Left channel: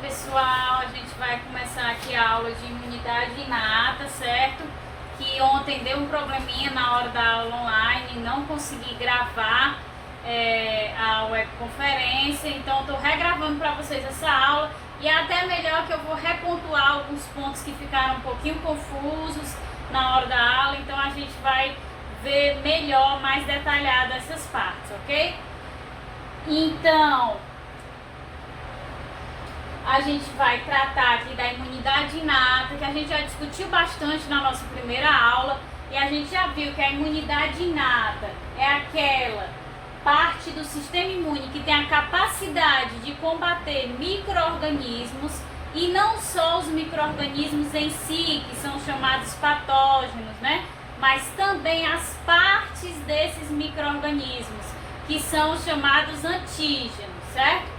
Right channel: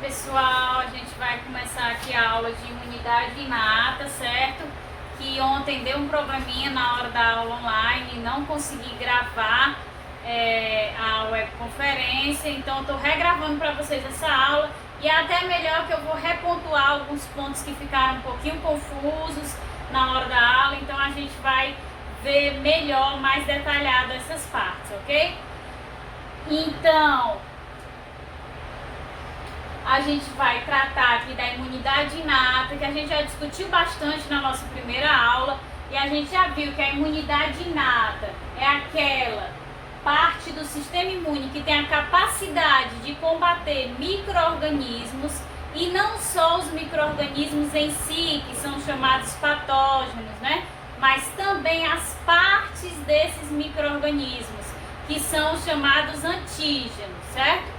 pessoal, a gente vai começar aqui a aula de imunidade inata, certo? Que ontem deu um probleminha na hora da aula online, não consegui gravar a webconferência, então estou regravando para vocês essa aula e é até melhor que eu vou repontuar alguns pontos que ficaram um pouquinho confusos na hora da aula, então a gente vai ver melhor, mais detalhado essas partes, ok? Então, a gente vai tratar aqui da imunidade inata, que a gente já discutiu bastante na nossa primeira aula, e a gente já viu que a imunidade inata é aquela parte do sistema imune que tem a capacidade de combater micro-organismos, e não só os micro-organismos em si, que são chamados patógenos, né? Mas também as partes desses micro-organismos, que são chamados antígenos, certo?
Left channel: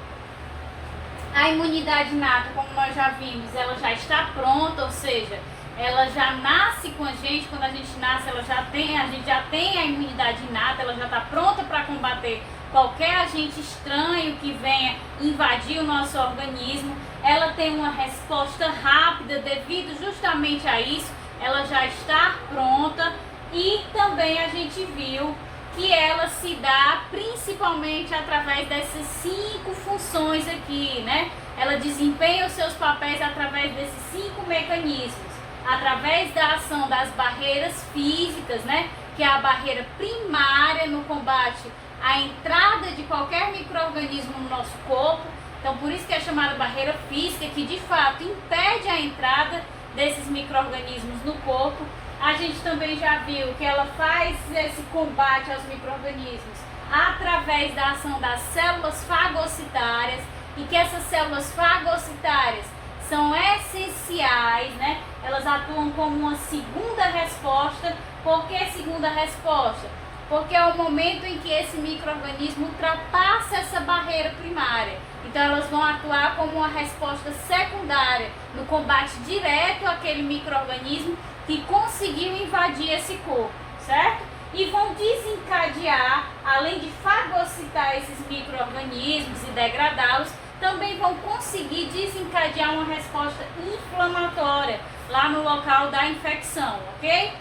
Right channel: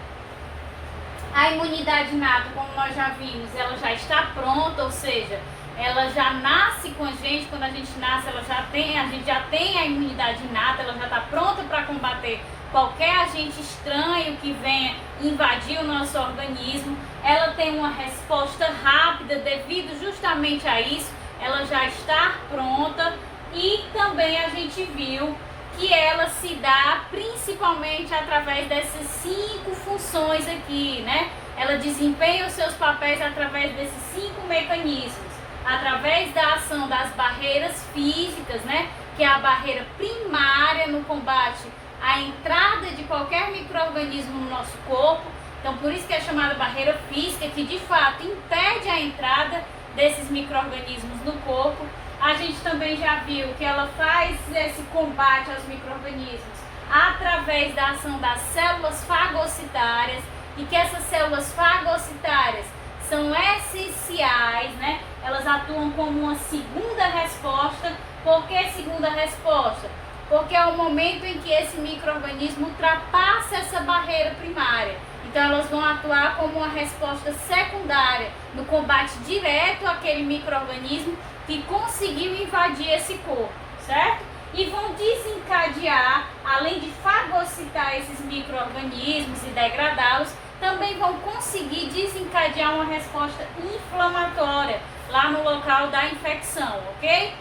A imunidade inata, como nós já vimos, ela já está pronta, ou seja, ela já nasce com a gente. Quando a gente nasce, a gente já tem a imunidade inata, ela já está pronta para combater qualquer agente estranho que venha invadir o nosso organismo. Ela tem uma resposta rápida devido justamente a isso, ela já está pronta. E também a gente viu que ela se dá principalmente através dessas 5 funções aqui, né? Ela desempenha os seus papéis através desses 5 mecanismos, através da ação das barreiras físicas, né? Que é a barreira primária no combate à entrada de qualquer micro-organismo no nosso corpo. Então, por isso que é chamada barreira física, que de fato impede a entrada desses micro-organismos no corpo. A gente também já viu que ela faz esse combate aos micro-organismos através da ação das células fagocitárias, e que essas células fagocitárias são essenciais, né? Elas atuam como uma segunda resposta. Por que segunda resposta? Porque é o momento em que esse micro-organismo ultrapassa essa barreira primária. Então elas vão atuar como uma resposta secundária no combate direto àquele micro-organismo que conseguiu invadir esse corpo, certo? E vão desencadear, além de fagocitar esses micro-organismos e degradá-los, também vão conseguir desencadear uma resposta inflamatória lá no local da infecção, ok?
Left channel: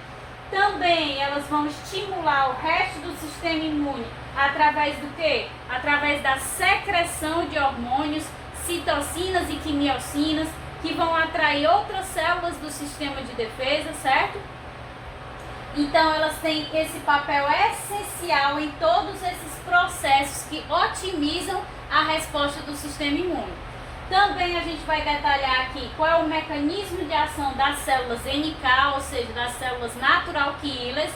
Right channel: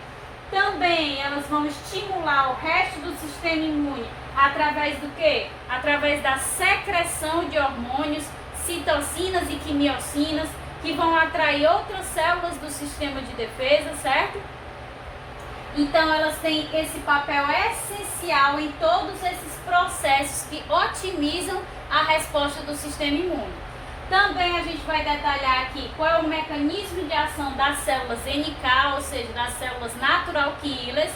Também elas vão estimular o resto do sistema imune através do quê? Através da secreção de hormônios, citocinas e quimiocinas, que vão atrair outras células do sistema de defesa, certo? Então elas têm esse papel essencial em todos esses processos que otimizam a resposta do sistema imune. Também a gente vai detalhar aqui qual é o mecanismo de ação das células NK, ou seja, das células natural killers,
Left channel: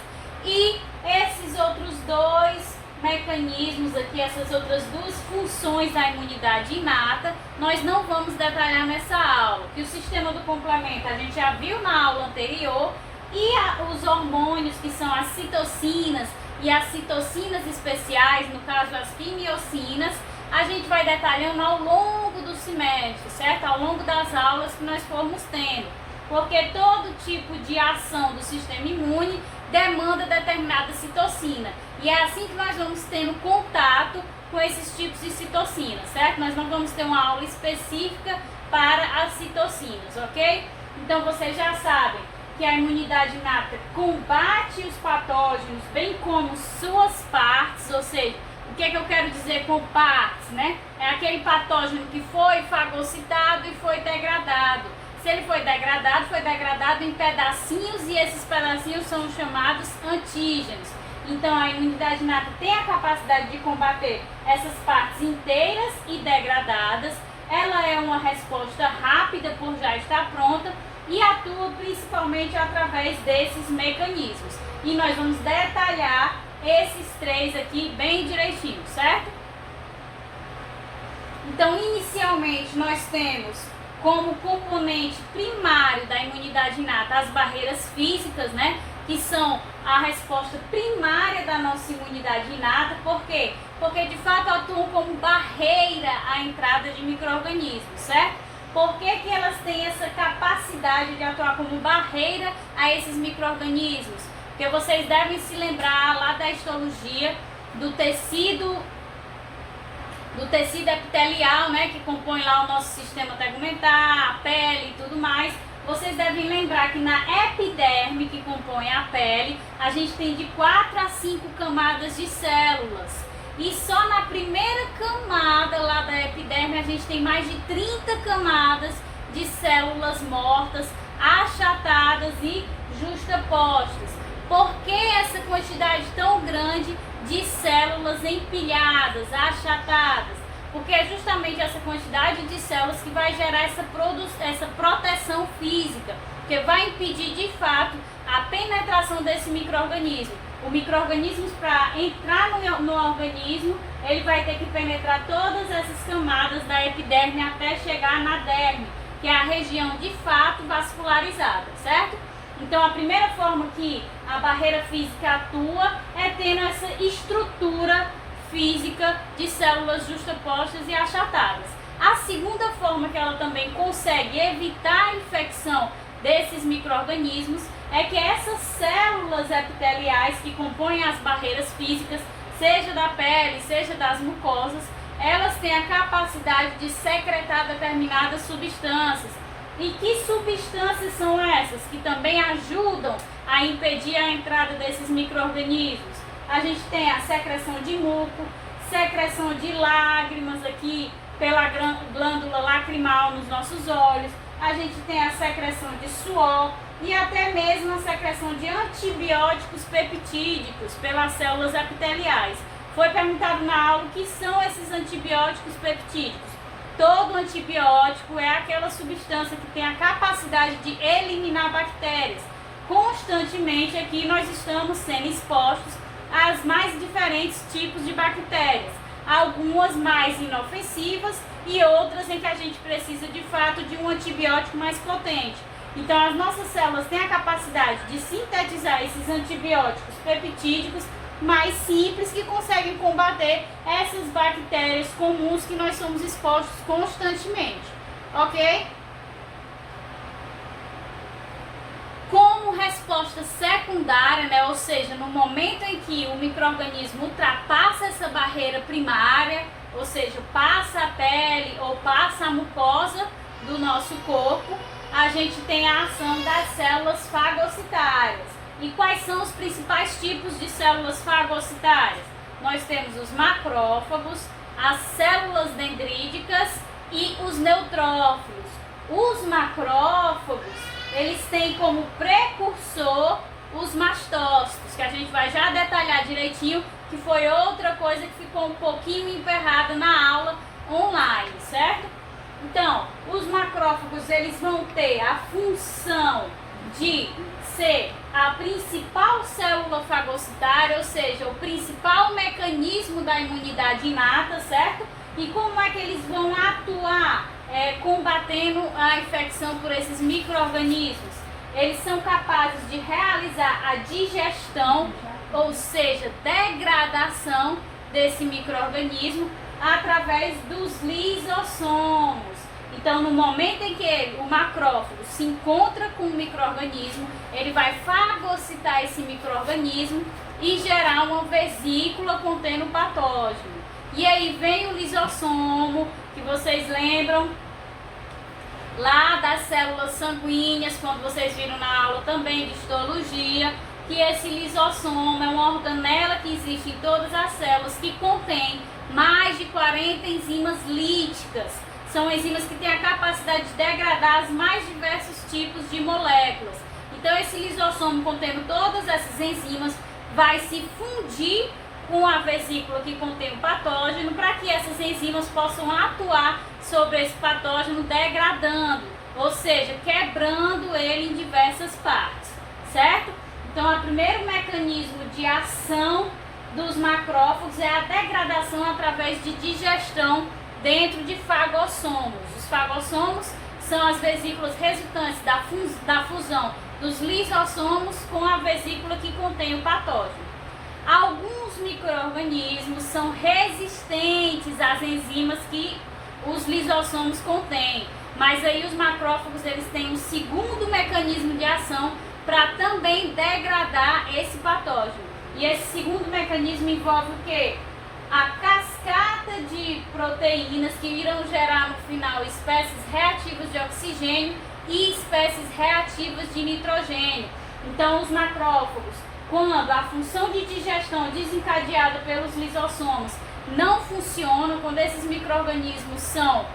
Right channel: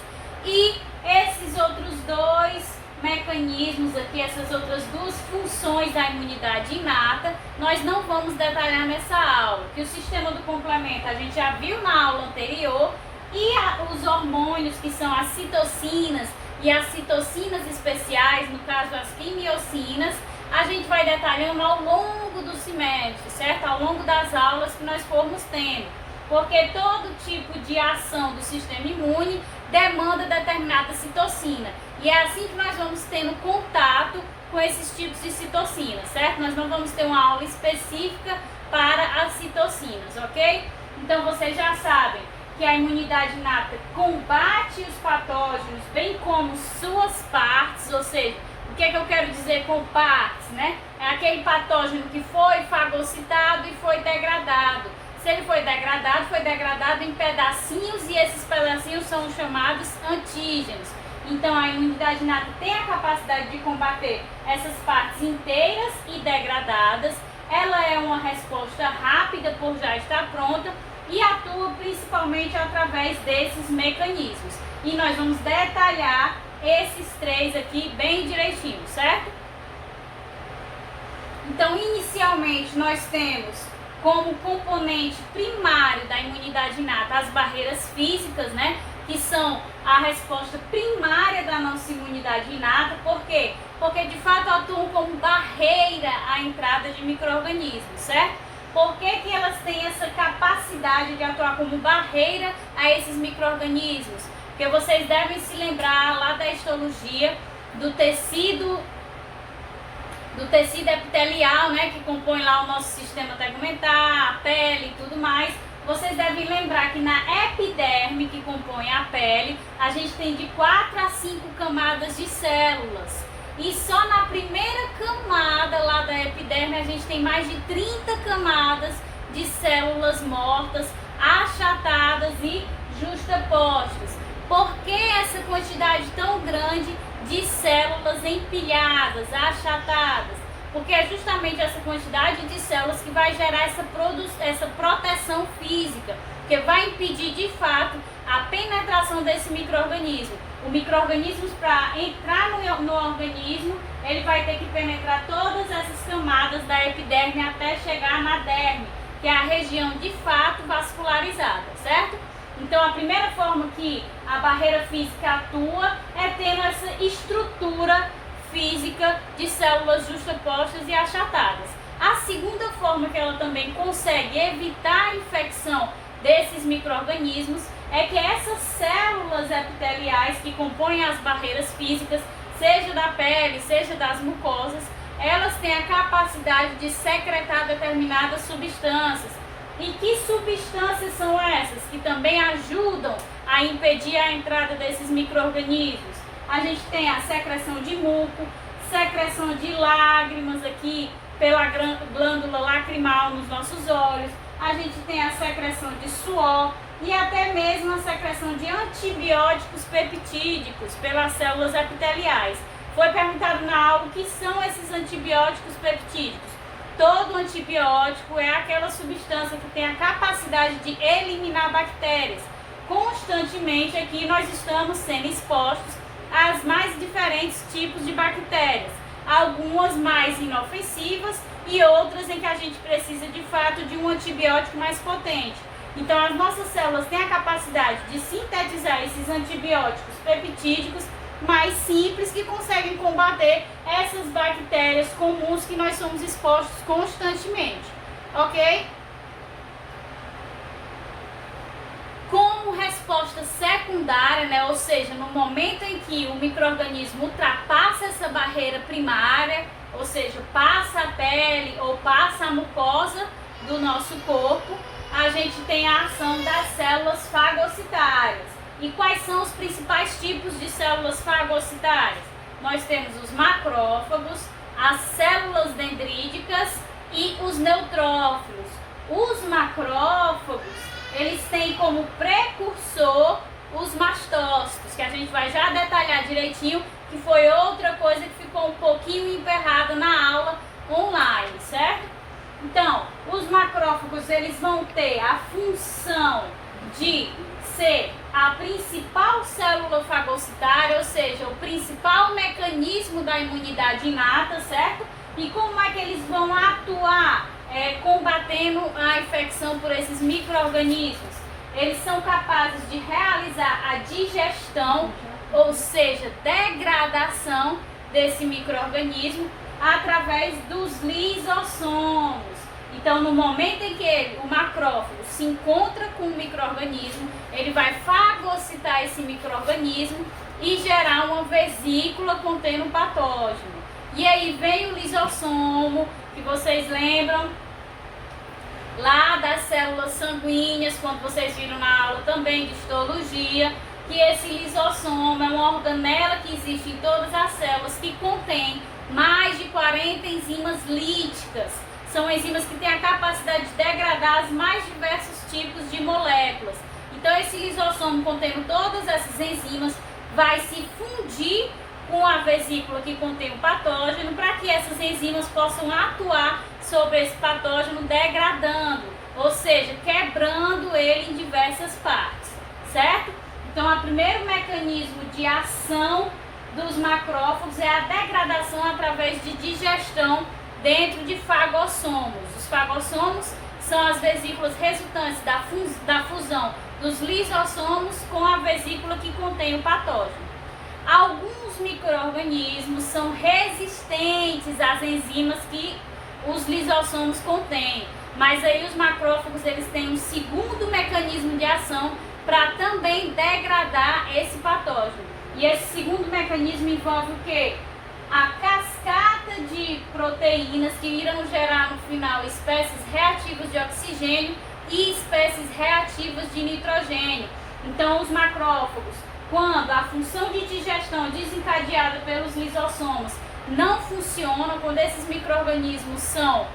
e esses outros 2 mecanismos aqui, essas outras 2 funções da imunidade inata, nós não vamos detalhar nessa aula, que o sistema do complemento a gente já viu na aula anterior, e os hormônios, que são as citocinas e as citocinas especiais, no caso as quimiocinas, a gente vai detalhando ao longo do semestre, certo? Ao longo das aulas que nós formos tendo, porque todo tipo de ação do sistema imune demanda determinada citocina, e é assim que nós vamos tendo contato com esses tipos de citocina, certo? Nós não vamos ter uma aula específica para as citocinas, ok? Então vocês já sabem que a imunidade inata combate os patógenos, bem como suas partes, ou seja, o que é que eu quero dizer com partes, né? É aquele patógeno que foi fagocitado e foi degradado. Se ele foi degradado em pedacinhos, e esses pedacinhos são chamados antígenos. Então a imunidade inata tem a capacidade de combater essas partes inteiras e degradadas. Ela é uma resposta rápida por já estar pronta e atua principalmente através desses mecanismos. E nós vamos detalhar esses 3 aqui bem direitinho, certo? Então, inicialmente, nós temos como componente primário da imunidade inata as barreiras físicas, né? Que são a resposta primária da nossa imunidade inata. Por quê? Porque, de fato, atuam como barreira à entrada de micro-organismos, certo? Por que que elas têm essa capacidade de atuar como barreira a esses micro-organismos? Porque vocês devem se lembrar lá da histologia do tecido do tecido epitelial, né, que compõe lá o nosso sistema tegumentar, a pele e tudo mais. Vocês devem lembrar que na epiderme, que compõe a pele, a gente tem de 4 a 5 camadas de células. E só na primeira camada lá da epiderme a gente tem mais de 30 camadas de células mortas, achatadas e justapostas. Por que essa quantidade tão grande de células empilhadas, achatadas? Porque é justamente essa quantidade de células que vai gerar essa proteção física, que vai impedir de fato a penetração desse micro-organismo. O micro-organismo, para entrar no organismo, ele vai ter que penetrar todas essas camadas da epiderme até chegar na derme, que é a região de fato vascularizada, certo? Então a primeira forma que a barreira física atua é tendo essa estrutura física de células justapostas e achatadas. A segunda forma que ela também consegue evitar a infecção desses micro-organismos é que essas células epiteliais que compõem as barreiras físicas, seja da pele, seja das mucosas, elas têm a capacidade de secretar determinadas substâncias. E que substâncias são essas que também ajudam a impedir a entrada desses micro-organismos? A gente tem a secreção de muco, secreção de lágrimas aqui pela glândula lacrimal nos nossos olhos, a gente tem a secreção de suor e até mesmo a secreção de antibióticos peptídicos pelas células epiteliais. Foi perguntado na aula o que são esses antibióticos peptídicos. Todo antibiótico é aquela substância que tem a capacidade de eliminar bactérias. Constantemente aqui nós estamos sendo expostos aos mais diferentes tipos de bactérias. Algumas mais inofensivas e outras em que a gente precisa de fato de um antibiótico mais potente. Então as nossas células têm a capacidade de sintetizar esses antibióticos peptídicos mais simples que conseguem combater essas bactérias comuns que nós somos expostos constantemente, ok? Como resposta secundária, né, ou seja, no momento em que o micro-organismo ultrapassa essa barreira primária, ou seja, passa a pele ou passa a mucosa do nosso corpo, a gente tem a ação das células fagocitárias. E quais são os principais tipos de células fagocitárias? Nós temos os macrófagos, as células dendríticas e os neutrófilos. Os macrófagos, eles têm como precursor os mastócitos, que a gente vai já detalhar direitinho, que foi outra coisa que ficou um pouquinho emperrada na aula online, certo? Então, os macrófagos, eles vão ter a função de ser a principal célula fagocitária, ou seja, o principal mecanismo da imunidade inata, certo? E como é que eles vão atuar combatendo a infecção por esses micro-organismos? Eles são capazes de realizar a digestão, ou seja, degradação desse micro-organismo através dos lisossomos. Então, no momento em que o macrófago se encontra com o micro-organismo, ele vai fagocitar esse micro-organismo e gerar uma vesícula contendo patógeno. E aí vem o lisossomo, que vocês lembram lá das células sanguíneas, quando vocês viram na aula também de histologia, que esse lisossomo é uma organela que existe em todas as células, que contém mais de 40 enzimas líticas. São enzimas que têm a capacidade de degradar os mais diversos tipos de moléculas. Então esse lisossomo, contendo todas essas enzimas, vai se fundir com a vesícula que contém o patógeno, para que essas enzimas possam atuar sobre esse patógeno, degradando, ou seja, quebrando ele em diversas partes, certo? Então o primeiro mecanismo de ação dos macrófagos é a degradação através de digestão dentro de fagossomos. Os fagossomos são as vesículas resultantes da fusão dos lisossomos com a vesícula que contém o patógeno. Alguns micro-organismos são resistentes às enzimas que os lisossomos contêm, mas aí os macrófagos, eles têm um segundo mecanismo de ação para também degradar esse patógeno. E esse segundo mecanismo envolve o quê? a cascata de proteínas que irão gerar no final espécies reativas de oxigênio e espécies reativas de nitrogênio. Então, os macrófagos, quando a função de digestão desencadeada pelos lisossomos não funciona, quando esses micro-organismos são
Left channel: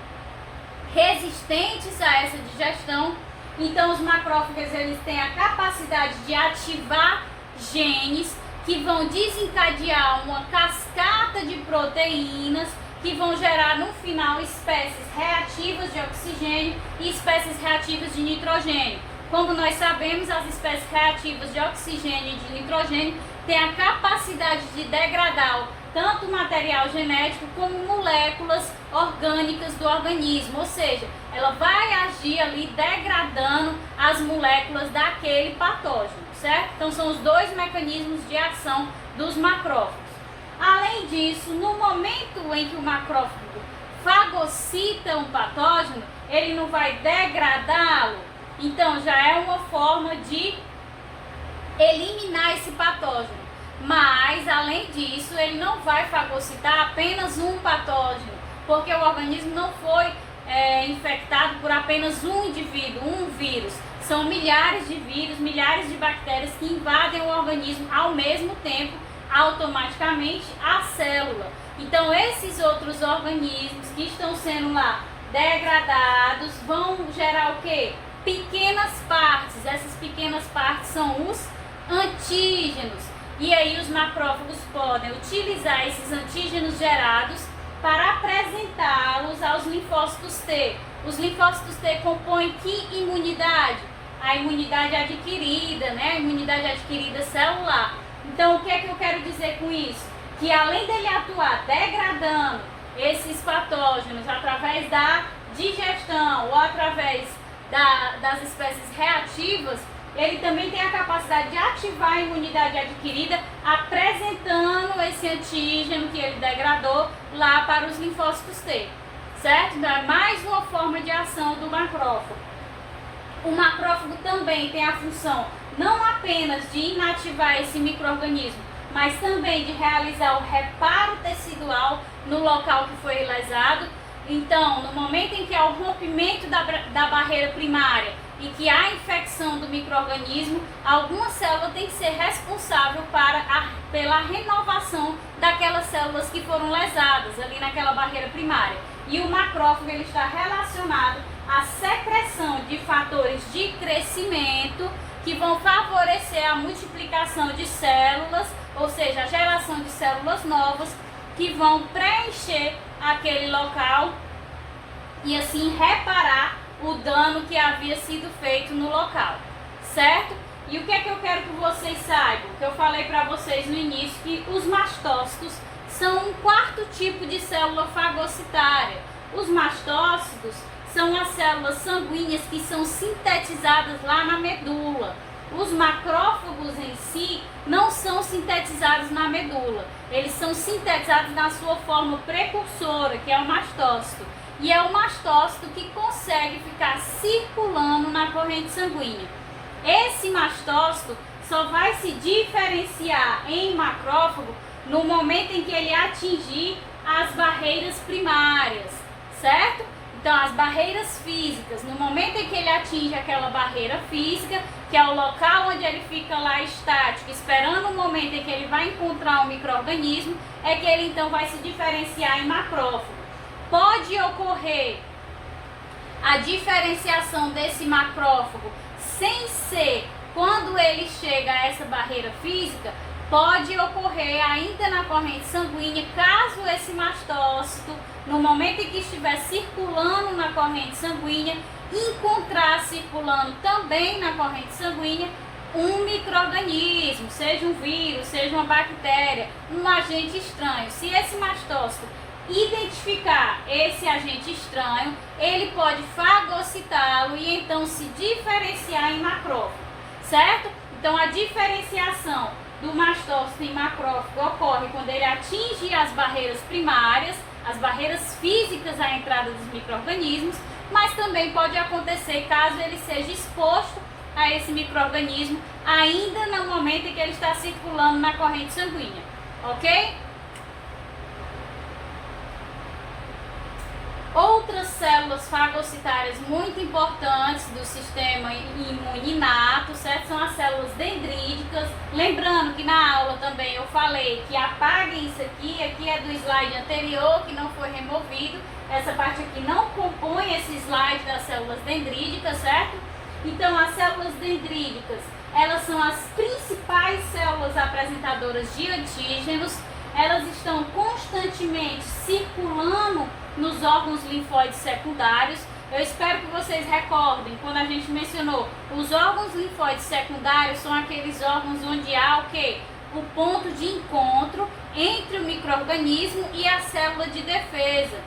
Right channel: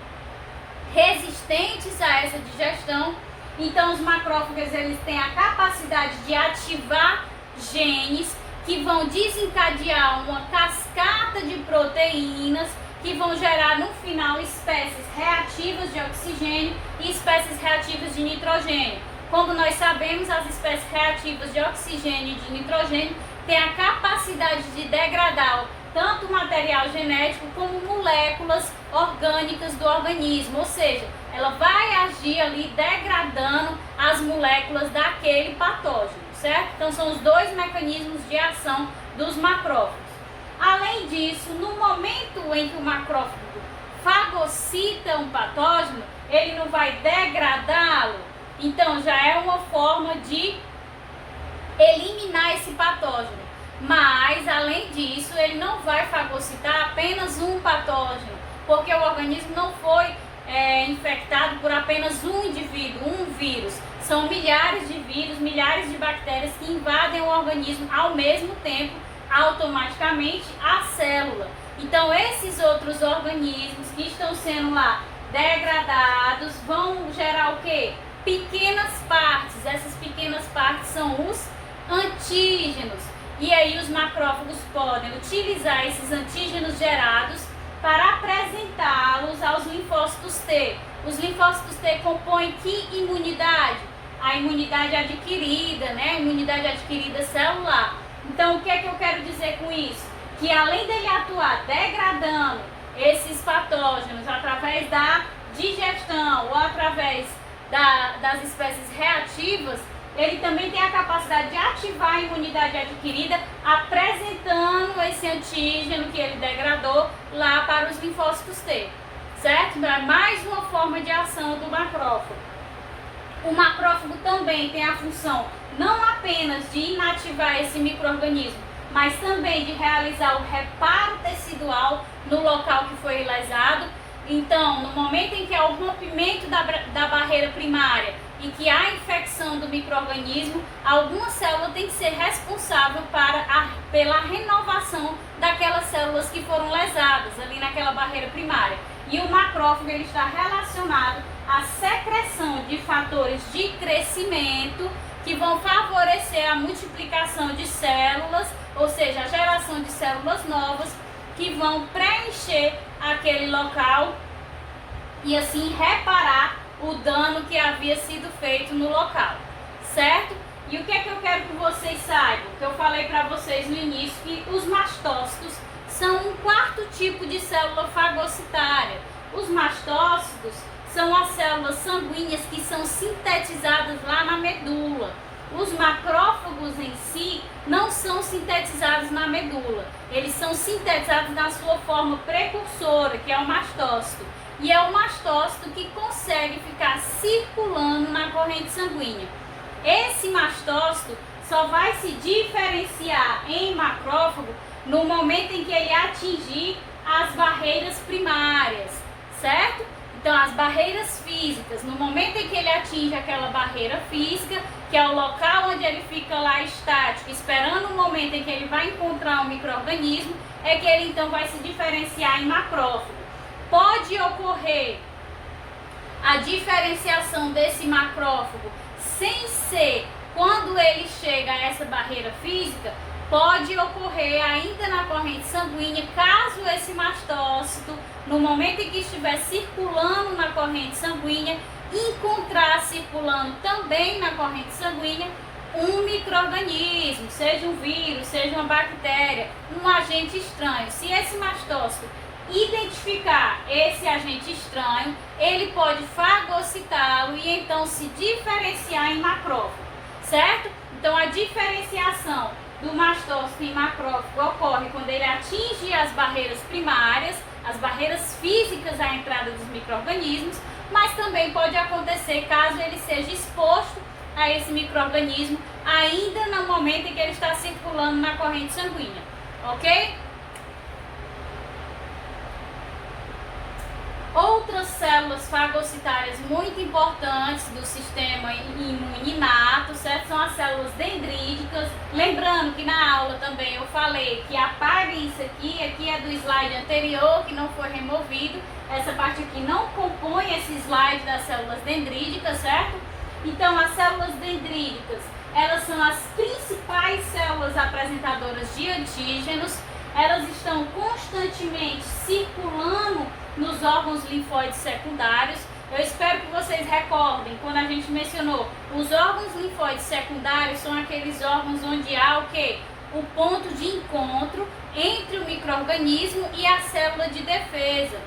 resistentes a essa digestão, então os macrófagos eles têm a capacidade de ativar genes que vão desencadear uma cascata de proteínas que vão gerar no final espécies reativas de oxigênio e espécies reativas de nitrogênio. Como nós sabemos, as espécies reativas de oxigênio e de nitrogênio têm a capacidade de degradar tanto material genético como moléculas orgânicas do organismo, ou seja, ela vai agir ali degradando as moléculas daquele patógeno, certo? Então são os dois mecanismos de ação dos macrófagos. Além disso, no momento em que o macrófago fagocita um patógeno, ele não vai degradá-lo, então já é uma forma de eliminar esse patógeno. Mas, além disso, ele não vai fagocitar apenas um patógeno, porque o organismo não foi infectado por apenas um indivíduo, um vírus. São milhares de vírus, milhares de bactérias que invadem o organismo ao mesmo tempo, automaticamente, a célula. Então, esses outros organismos que estão sendo lá degradados vão gerar o quê? Pequenas partes. Essas pequenas partes são os antígenos. E aí os macrófagos podem utilizar esses antígenos gerados para apresentá-los aos linfócitos T. Os linfócitos T compõem que imunidade? A imunidade adquirida, né? A imunidade adquirida celular. Então, o que é que eu quero dizer com isso? Que além dele atuar degradando esses patógenos através da digestão ou através das espécies reativas, ele também tem a capacidade de ativar a imunidade adquirida, apresentando esse antígeno que ele degradou lá para os linfócitos T, certo? Então é mais uma forma de ação do macrófago. O macrófago também tem a função não apenas de inativar esse micro-organismo, mas também de realizar o reparo tecidual no local que foi lesado. Então, no momento em que há o rompimento da barreira primária e que há infecção do micro-organismo, alguma célula tem que ser responsável pela renovação daquelas células que foram lesadas ali naquela barreira primária. E o macrófago ele está relacionado à secreção de fatores de crescimento que vão favorecer a multiplicação de células, ou seja, a geração de células novas que vão preencher aquele local e assim reparar o dano que havia sido feito no local, certo? E o que é que eu quero que vocês saibam? Que eu falei para vocês no início que os mastócitos são um quarto tipo de célula fagocitária. Os mastócitos são as células sanguíneas que são sintetizadas lá na medula. Os macrófagos em si não são sintetizados na medula. Eles são sintetizados na sua forma precursora, que é o mastócito. E é o mastócito que consegue ficar circulando na corrente sanguínea. Esse mastócito só vai se diferenciar em macrófago no momento em que ele atingir as barreiras primárias, certo? Então, as barreiras físicas, no momento em que ele atinge aquela barreira física, que é o local onde ele fica lá estático, esperando o momento em que ele vai encontrar um micro-organismo, é que ele então vai se diferenciar em macrófago. Pode ocorrer a diferenciação desse macrófago sem ser quando ele chega a essa barreira física, pode ocorrer ainda na corrente sanguínea, caso esse mastócito, no momento em que estiver circulando na corrente sanguínea, encontrar circulando também na corrente sanguínea um micro-organismo, seja um vírus, seja uma bactéria, um agente estranho. Se esse mastócito identificar esse agente estranho, ele pode fagocitá-lo e então se diferenciar em macrófago, certo? Então a diferenciação do mastócito em macrófago ocorre quando ele atinge as barreiras primárias, as barreiras físicas à entrada dos micro-organismos, mas também pode acontecer caso ele seja exposto a esse micro-organismo ainda no momento em que ele está circulando na corrente sanguínea, ok? Outras células fagocitárias muito importantes do sistema imune inato, certo? São as células dendríticas. Lembrando que na aula também eu falei que apaguem isso aqui é do slide anterior, que não foi removido. Essa parte aqui não compõe esse slide das células dendríticas, certo? Então, as células dendríticas, elas são as principais células apresentadoras de antígenos. Elas estão constantemente circulando nos órgãos linfóides secundários. Eu espero que vocês recordem, quando a gente mencionou, os órgãos linfóides secundários são aqueles órgãos onde há o quê? O ponto de encontro entre o micro-organismo e a célula de defesa.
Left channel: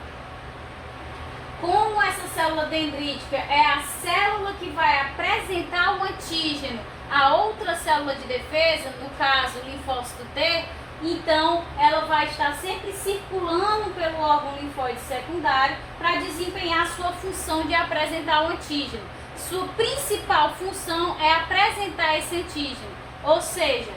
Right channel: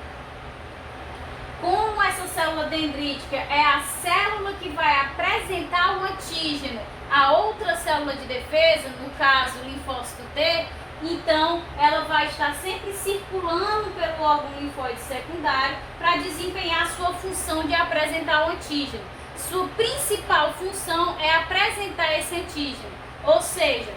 Como essa célula dendrítica é a célula que vai apresentar o antígeno a outra célula de defesa, no caso o linfócito T, então ela vai estar sempre circulando pelo órgão linfóide secundário para desempenhar sua função de apresentar o antígeno. Sua principal função é apresentar esse antígeno, ou seja,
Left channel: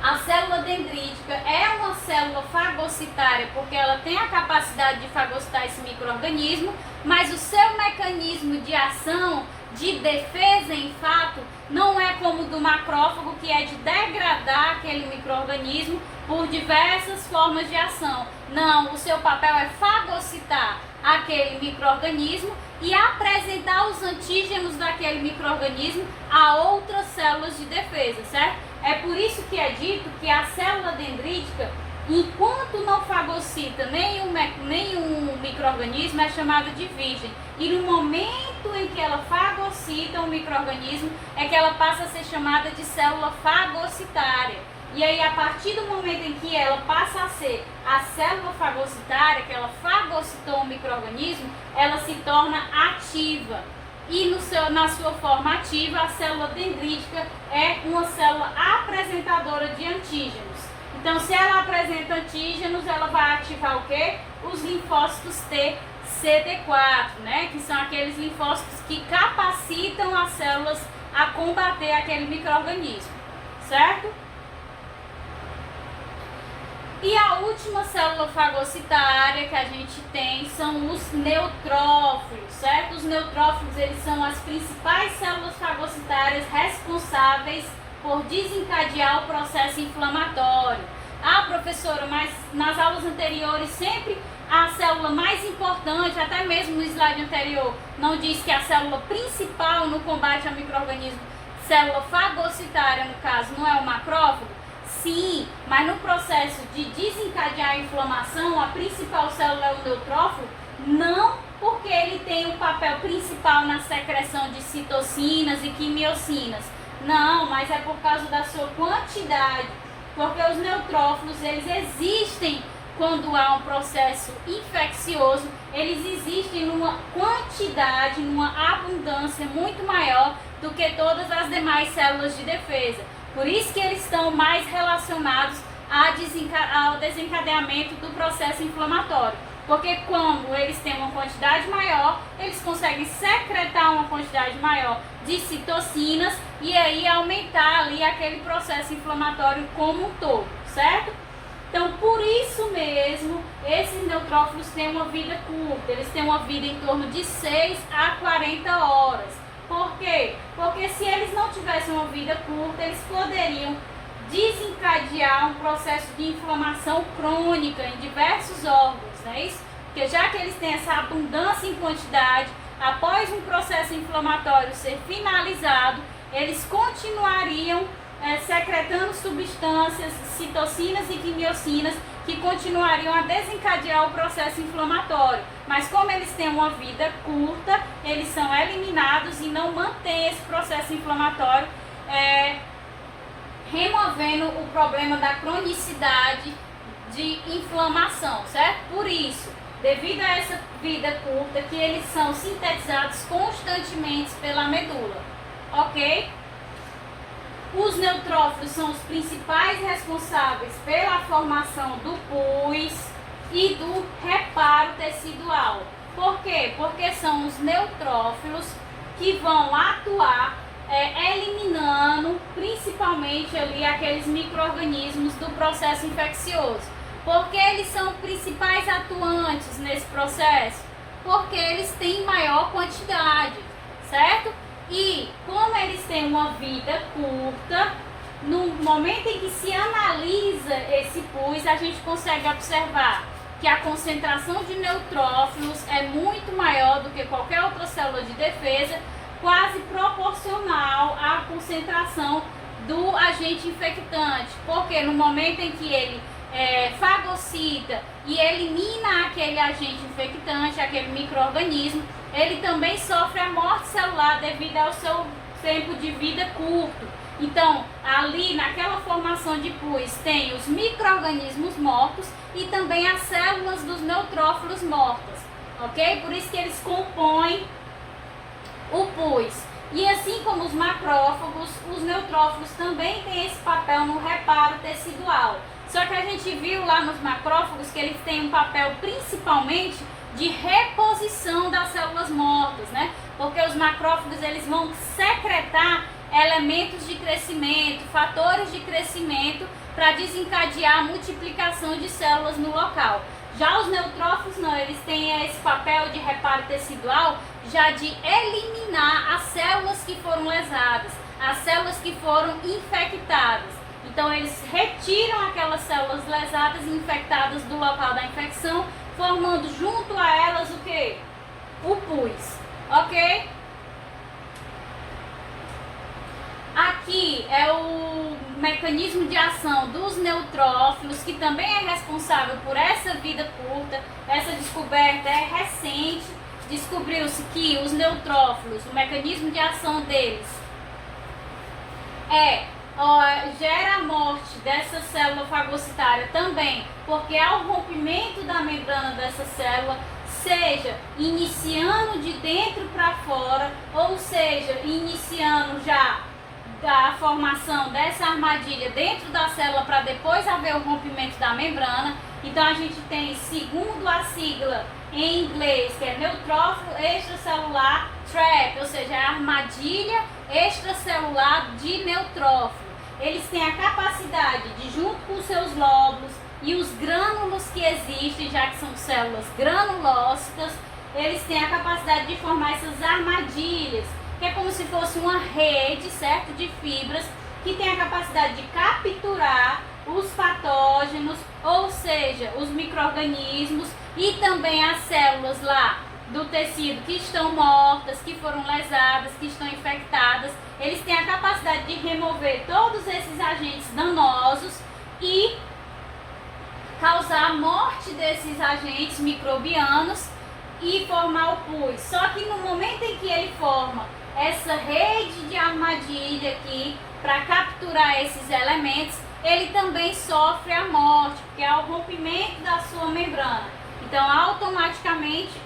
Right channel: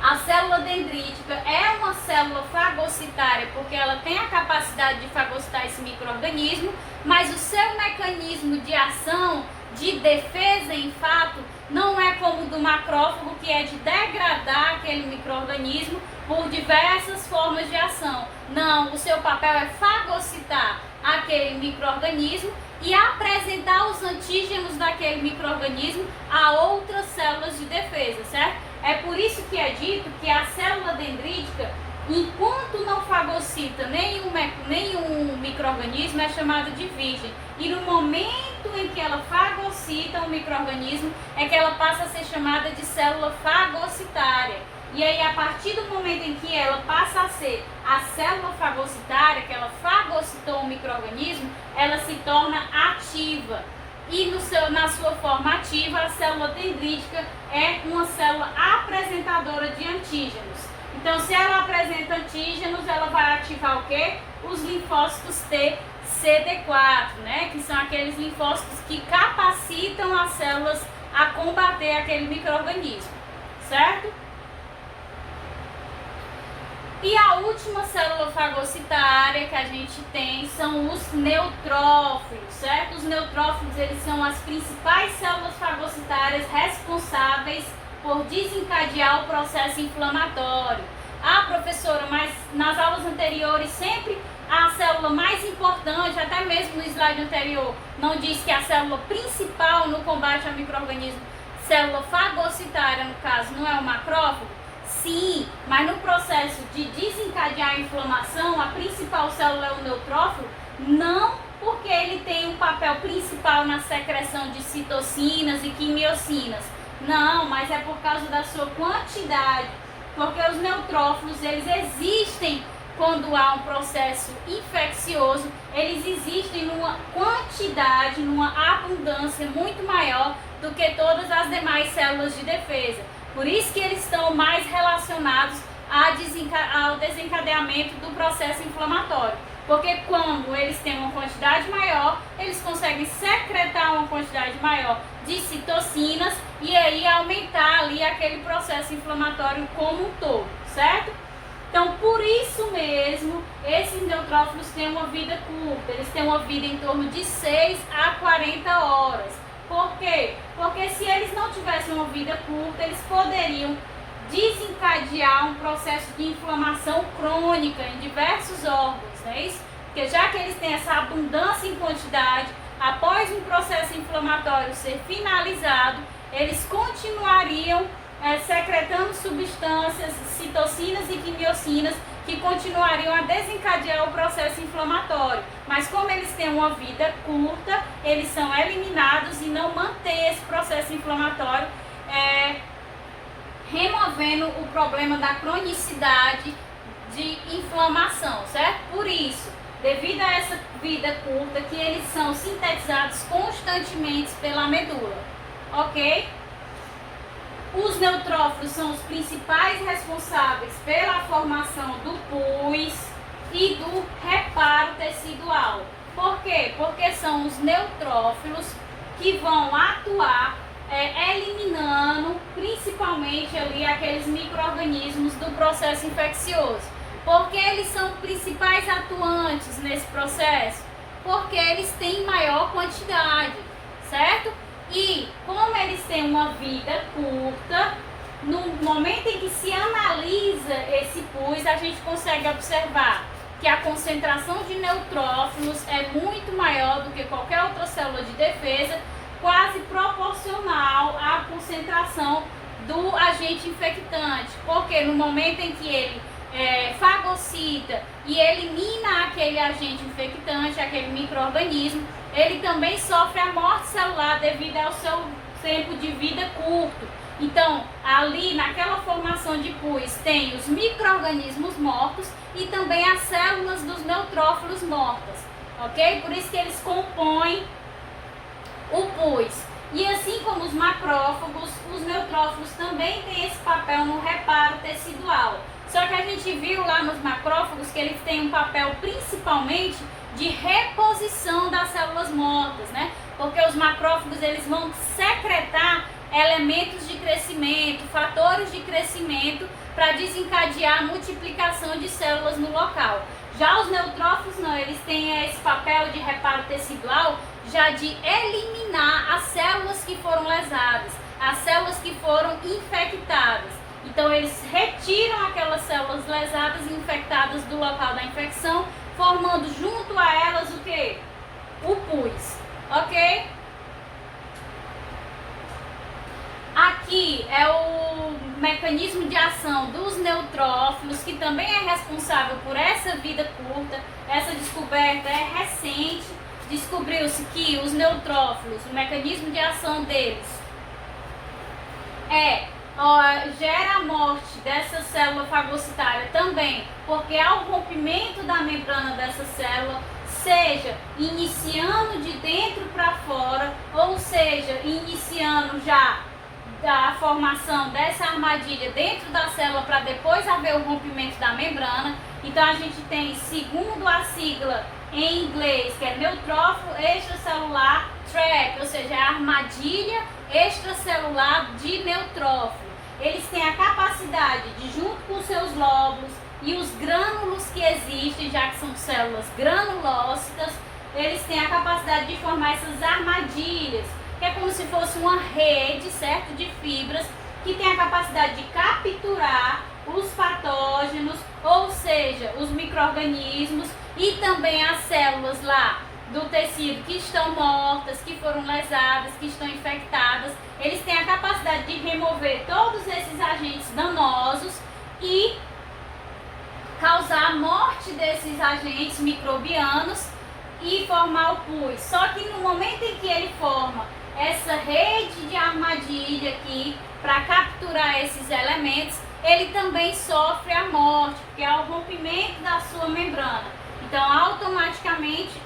a célula dendrítica é uma célula fagocitária porque ela tem a capacidade de fagocitar esse micro-organismo, mas o seu mecanismo de ação, de defesa, em fato, não é como o do macrófago, que é de degradar aquele micro-organismo por diversas formas de ação. Não, o seu papel é fagocitar aquele micro-organismo e apresentar os antígenos daquele micro-organismo a outras células de defesa, certo? É por isso que é dito que a célula dendrítica, enquanto não fagocita nenhum micro-organismo, é chamada de virgem. E no momento em que ela fagocita um micro-organismo, é que ela passa a ser chamada de célula fagocitária. E aí, a partir do momento em que ela passa a ser a célula fagocitária, que ela fagocitou um micro-organismo, ela se torna ativa. E na sua forma ativa, a célula dendrítica é uma célula apresentadora de antígenos. Então, se ela apresenta antígenos, ela vai ativar o quê? Os linfócitos T, CD4, né? Que são aqueles linfócitos que capacitam as células a combater aquele micro-organismo, certo? E a última célula fagocitária que a gente tem são os neutrófilos, certo? Os neutrófilos, eles são as principais células fagocitárias responsáveis por desencadear o processo inflamatório. Ah, professora, mas nas aulas anteriores sempre a célula mais importante, até mesmo no slide anterior, não diz que a célula principal no combate ao micro-organismo, célula fagocitária no caso, não é o macrófago? Sim, mas no processo de desencadear a inflamação, a principal célula é o neutrófilo, não porque ele tem um papel principal na secreção de citocinas e quimiocinas. Não, mas é por causa da sua quantidade, porque os neutrófilos, eles existem quando há um processo infeccioso, eles existem numa quantidade, numa abundância muito maior do que todas as demais células de defesa. Por isso que eles estão mais relacionados ao desencadeamento do processo inflamatório. Porque quando eles têm uma quantidade maior, eles conseguem secretar uma quantidade maior de citocinas e aí aumentar ali aquele processo inflamatório como um todo, certo? Então, por isso mesmo, esses neutrófilos têm uma vida curta, eles têm uma vida em torno de 6 a 40 horas. Por quê? Porque se eles não tivessem uma vida curta, eles poderiam desencadear um processo de inflamação crônica em diversos órgãos, não é isso? Porque já que eles têm essa abundância em quantidade, após um processo inflamatório ser finalizado, eles continuariam secretando substâncias, citocinas e quimiocinas, que continuariam a desencadear o processo inflamatório. Mas como eles têm uma vida curta, eles são eliminados e não mantêm esse processo inflamatório, removendo o problema da cronicidade de inflamação, certo? Por isso, devido a essa vida curta, que eles são sintetizados constantemente pela medula, ok? Os neutrófilos são os principais responsáveis pela formação do pus e do reparo tecidual. Por quê? Porque são os neutrófilos que vão atuar eliminando principalmente ali aqueles micro-organismos do processo infeccioso. Porque eles são principais atuantes nesse processo? Porque eles têm maior quantidade, certo? E como eles têm uma vida curta, no momento em que se analisa esse pus, a gente consegue observar que a concentração de neutrófilos é muito maior do que qualquer outra célula de defesa, quase proporcional à concentração do agente infectante. Porque no momento em que ele fagocita e elimina aquele agente infectante, aquele micro-organismo, ele também sofre a morte celular devido ao seu tempo de vida curto. Então, ali naquela formação de pus tem os micro-organismos mortos e também as células dos neutrófilos mortas, ok? Por isso que eles compõem o pus. E assim como os macrófagos, os neutrófilos também têm esse papel no reparo tecidual. Só que a gente viu lá nos macrófagos que eles têm um papel principalmente de reposição das células mortas, né? Porque os macrófagos eles vão secretar elementos de crescimento, fatores de crescimento para desencadear a multiplicação de células no local. Já os neutrófilos não, eles têm esse papel de reparo tecidual já de eliminar as células que foram lesadas, as células que foram infectadas. Então eles retiram aquelas células lesadas e infectadas do local da infecção, formando junto a elas o que? O pus, ok? Aqui é o mecanismo de ação dos neutrófilos, que também é responsável por essa vida curta. Essa descoberta é recente. Descobriu-se que os neutrófilos, o mecanismo de ação deles gera a morte dessa célula fagocitária também, porque ao rompimento da membrana dessa célula, seja iniciando de dentro para fora, ou seja, iniciando já da formação dessa armadilha dentro da célula para depois haver o rompimento da membrana. Então a gente tem, segundo a sigla em inglês, que é neutrófilo extracelular trap, ou seja, a armadilha extracelular de neutrófilo. Eles têm a capacidade de, junto com os seus lóbulos e os grânulos que existem, já que são células granulócitas, eles têm a capacidade de formar essas armadilhas, que é como se fosse uma rede, certo, de fibras, que tem a capacidade de capturar os patógenos, ou seja, os micro-organismos e também as células lá do tecido que estão mortas, que foram lesadas, que estão infectadas. Eles têm a capacidade de remover todos esses agentes danosos e causar a morte desses agentes microbianos e formar o pus. Só que no momento em que ele forma essa rede de armadilha aqui para capturar esses elementos, ele também sofre a morte, porque é o rompimento da sua membrana. Então, automaticamente,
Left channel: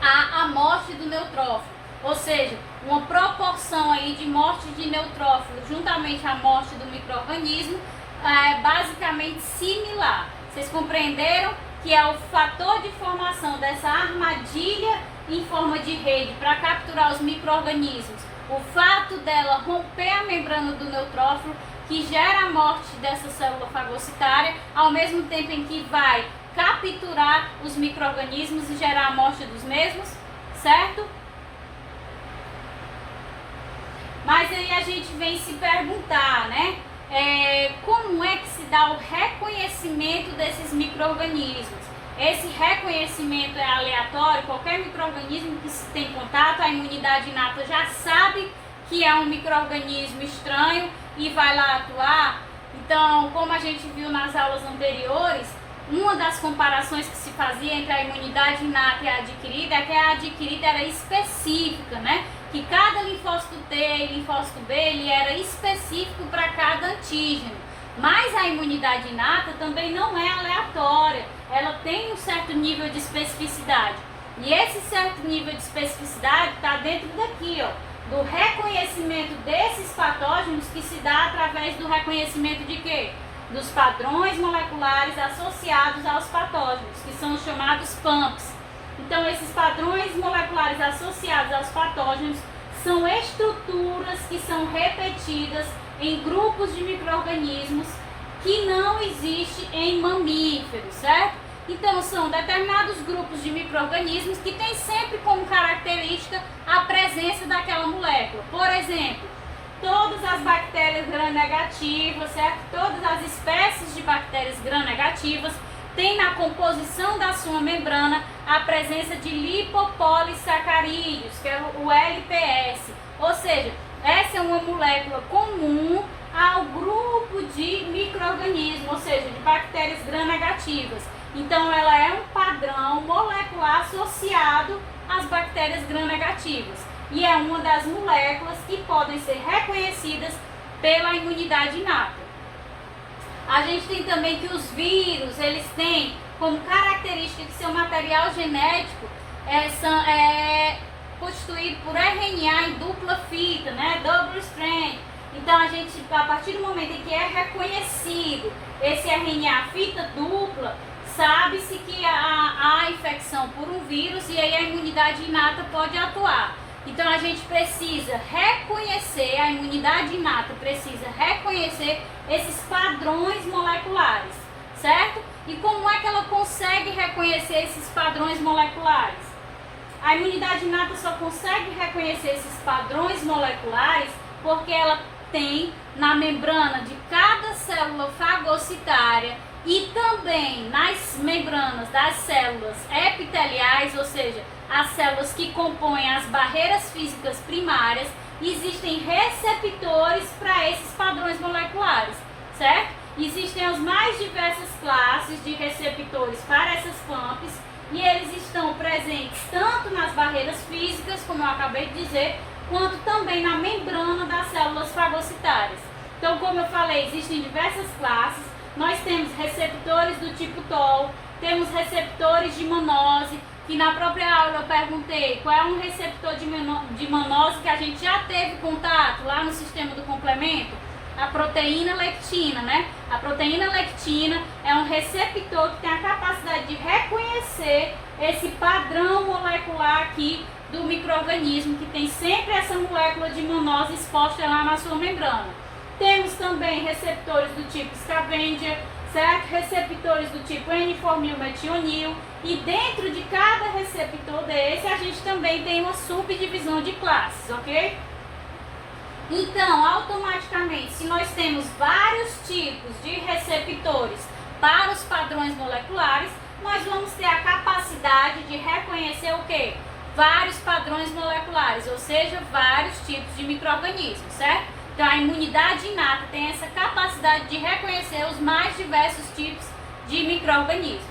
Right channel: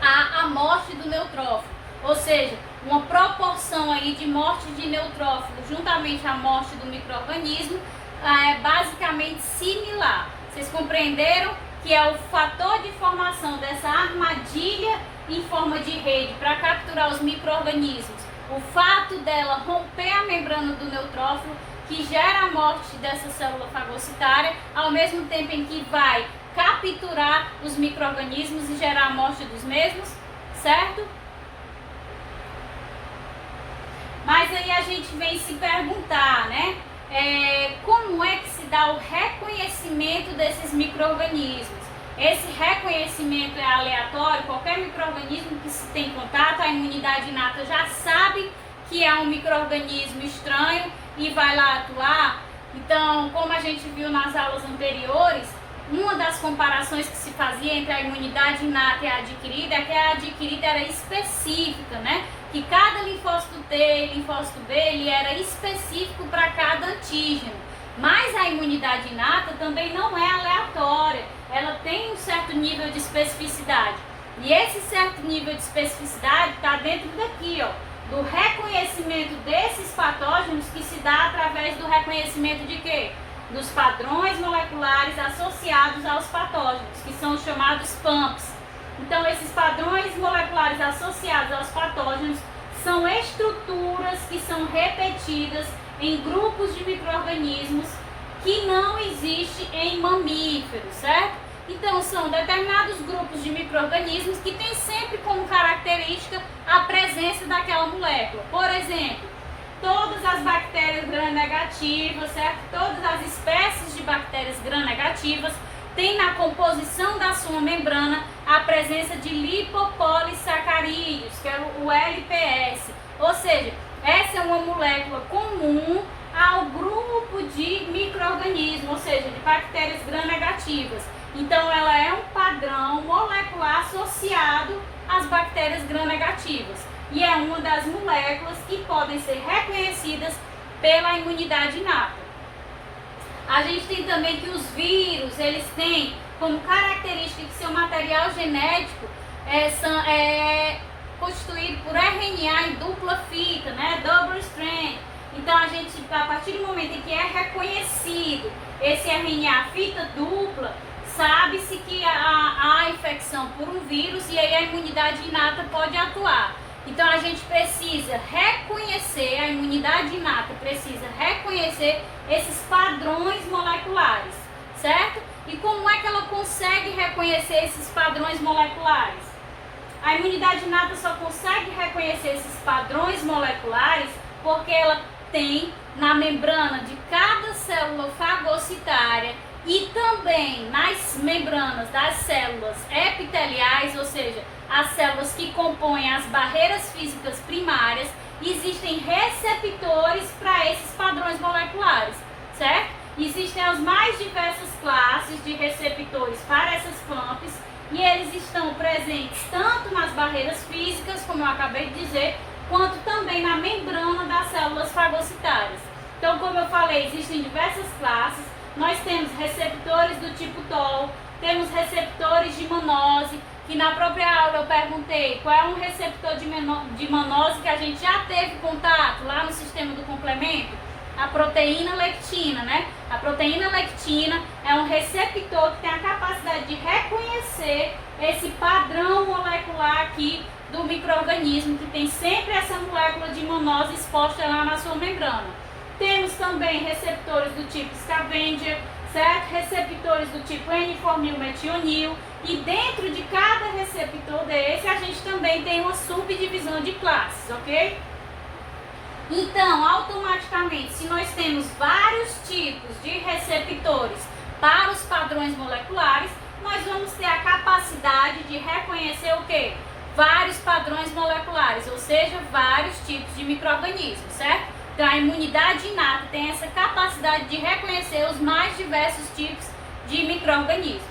há a morte do neutrófilo, ou seja, uma proporção aí de morte de neutrófilo juntamente à morte do micro-organismo é basicamente similar. Vocês compreenderam que é o fator de formação dessa armadilha em forma de rede para capturar os micro-organismos, o fato dela romper a membrana do neutrófilo, que gera a morte dessa célula fagocitária, ao mesmo tempo em que vai capturar os micro-organismos e gerar a morte dos mesmos, certo? Mas aí a gente vem se perguntar, né? Como é que se dá o reconhecimento desses micro-organismos? Esse reconhecimento é aleatório, qualquer micro-organismo que se tem contato, a imunidade inata já sabe que é um micro-organismo estranho e vai lá atuar. Então, como a gente viu nas aulas anteriores, uma das comparações que se fazia entre a imunidade inata e a adquirida é que a adquirida era específica, né? Que cada linfócito T e linfócito B ele era específico para cada antígeno. Mas a imunidade inata também não é aleatória, ela tem um certo nível de especificidade. E esse certo nível de especificidade está dentro daqui, ó, do reconhecimento desses patógenos, que se dá através do reconhecimento de quê? Dos padrões moleculares associados aos patógenos, que são os chamados PAMPs. Então, esses padrões moleculares associados aos patógenos são estruturas que são repetidas em grupos de micro-organismos que não existe em mamíferos, certo? Então, são determinados grupos de micro-organismos que têm sempre como característica a presença daquela molécula. Por exemplo, todas as bactérias gram-negativas, certo? Todas as espécies de bactérias gram-negativas têm na composição da sua membrana a presença de lipopolissacarídeos, que é o LPS. Ou seja, essa é uma molécula comum ao grupo de micro-organismos, ou seja, de bactérias gram-negativas. Então, ela é um padrão molecular associado às bactérias gram-negativas. E é uma das moléculas que podem ser reconhecidas pela imunidade inata. A gente tem também que os vírus, eles têm como característica que seu material genético é constituído por RNA em dupla fita, né? Double strand. Então, a partir do momento em que é reconhecido esse RNA fita dupla, sabe-se que há infecção por um vírus e aí a imunidade inata pode atuar. Então, a gente precisa reconhecer, a imunidade inata precisa reconhecer esses padrões moleculares, certo? E como é que ela consegue reconhecer esses padrões moleculares? A imunidade inata só consegue reconhecer esses padrões moleculares porque ela tem na membrana de cada célula fagocitária e também nas membranas das células epiteliais, ou seja, as células que compõem as barreiras físicas primárias, existem receptores para esses padrões moleculares, certo? Existem as mais diversas classes de receptores para essas FAMPs e eles estão presentes tanto nas barreiras físicas, como eu acabei de dizer, quanto também na membrana das células fagocitárias. Então, como eu falei, existem diversas classes. Nós temos receptores do tipo TOL, temos receptores de manose, que na própria aula eu perguntei qual é um receptor de manose que a gente já teve contato lá no sistema do complemento. A proteína lectina, né? A proteína lectina é um receptor que tem a capacidade de reconhecer esse padrão molecular aqui do micro-organismo, que tem sempre essa molécula de manose exposta lá na sua membrana. Temos também receptores do tipo scavenger, certo? Receptores do tipo N-formilmetionil. E dentro de cada receptor desse, a gente também tem uma subdivisão de classes, ok? Então, automaticamente, se nós temos vários tipos de receptores para os padrões moleculares, nós vamos ter a capacidade de reconhecer o quê? Vários padrões moleculares, ou seja, vários tipos de micro-organismos, certo? Então, a imunidade inata tem essa capacidade de reconhecer os mais diversos tipos de micro-organismos.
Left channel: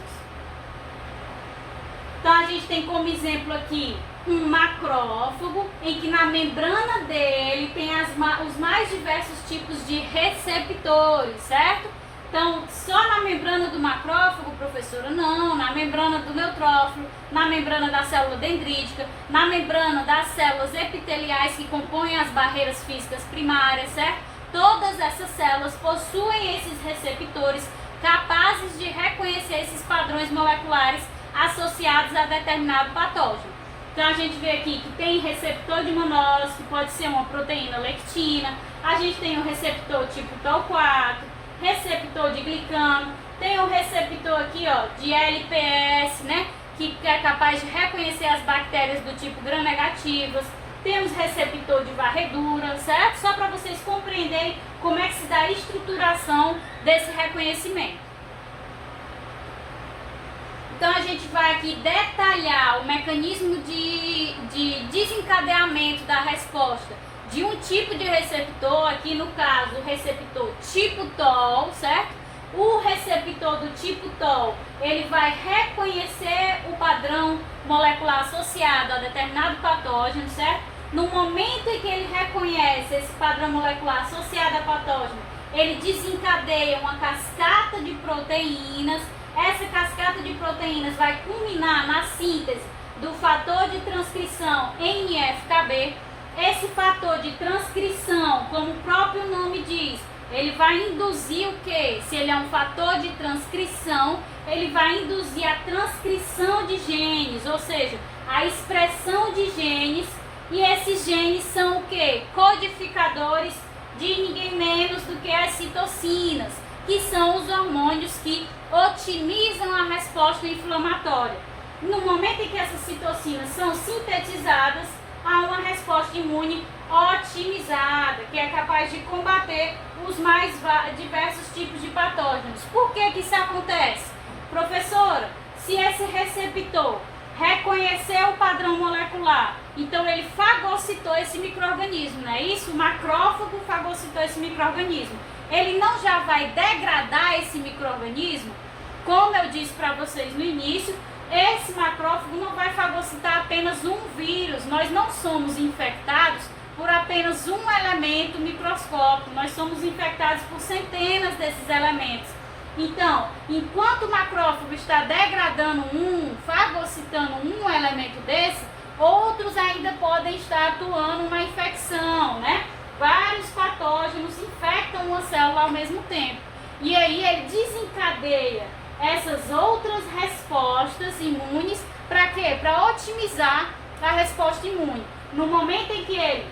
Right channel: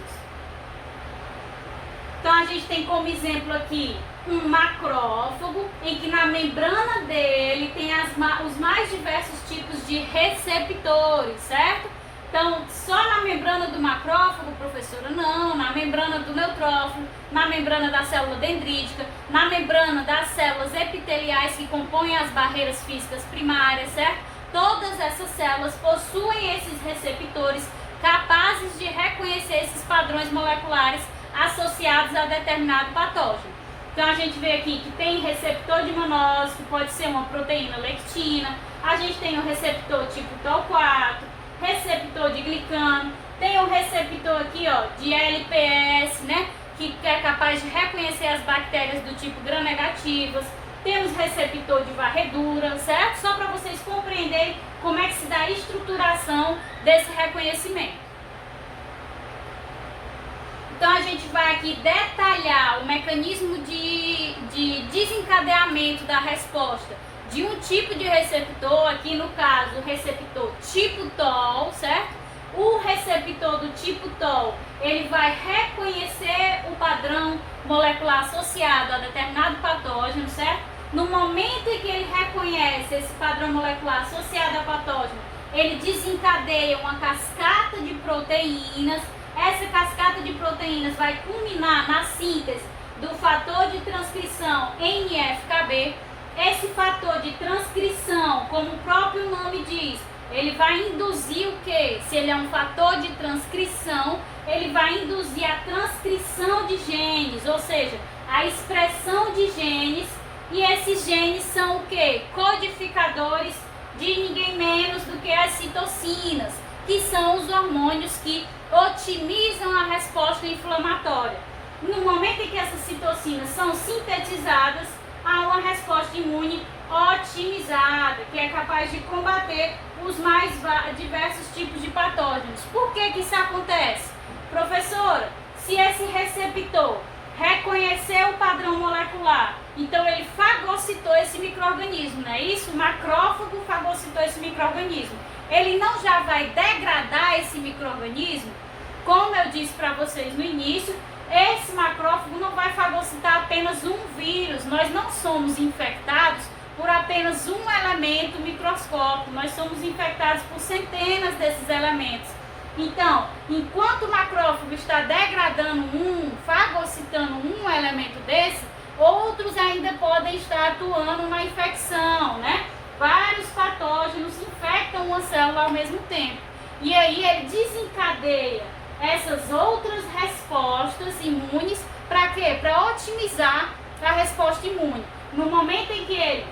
Então, a gente tem como exemplo aqui um macrófago, em que na membrana dele tem os mais diversos tipos de receptores, certo? Então, só na membrana do macrófago, professora, não, na membrana do neutrófilo, na membrana da célula dendrítica, na membrana das células epiteliais que compõem as barreiras físicas primárias, certo? Todas essas células possuem esses receptores capazes de reconhecer esses padrões moleculares associados a determinado patógeno. Então, a gente vê aqui que tem receptor de manose, que pode ser uma proteína lectina, a gente tem o receptor tipo TOL4, receptor de glicano, tem o receptor aqui, ó, de LPS, né, que é capaz de reconhecer as bactérias do tipo gram-negativas, temos receptor de varredura, certo? Só para vocês compreenderem como é que se dá a estruturação desse reconhecimento. Então, a gente vai aqui detalhar o mecanismo de desencadeamento da resposta de um tipo de receptor, aqui no caso o receptor tipo TOL, certo? O receptor do tipo TOL, ele vai reconhecer o padrão molecular associado a determinado patógeno, certo? No momento em que ele reconhece esse padrão molecular associado a patógeno, ele desencadeia uma cascata de proteínas. Essa cascata de proteínas vai culminar na síntese do fator de transcrição NF-κB. Esse fator de transcrição, como o próprio nome diz, ele vai induzir o quê? Se ele é um fator de transcrição, ele vai induzir a transcrição de genes, ou seja, a expressão de genes, e esses genes são o quê? Codificadores de ninguém menos do que as citocinas. que são os hormônios que otimizam a resposta inflamatória. No momento em que essas citocinas são sintetizadas, há uma resposta imune otimizada, que é capaz de combater os mais diversos tipos de patógenos. Por que que isso acontece? Professora, se esse receptor reconheceu o padrão molecular, então ele fagocitou esse micro-organismo, não é isso? O macrófago fagocitou esse micro-organismo. Ele não já vai degradar esse micro-organismo? Como eu disse para vocês no início, esse macrófago não vai fagocitar apenas um vírus. Nós não somos infectados por apenas um elemento microscópico. Nós somos infectados por centenas desses elementos. Então, enquanto o macrófago está degradando fagocitando um elemento desse, outros ainda podem estar atuando na infecção, né? Vários patógenos infectam uma célula ao mesmo tempo. E aí ele desencadeia essas outras respostas imunes para quê? Para otimizar a resposta imune. No momento em que ele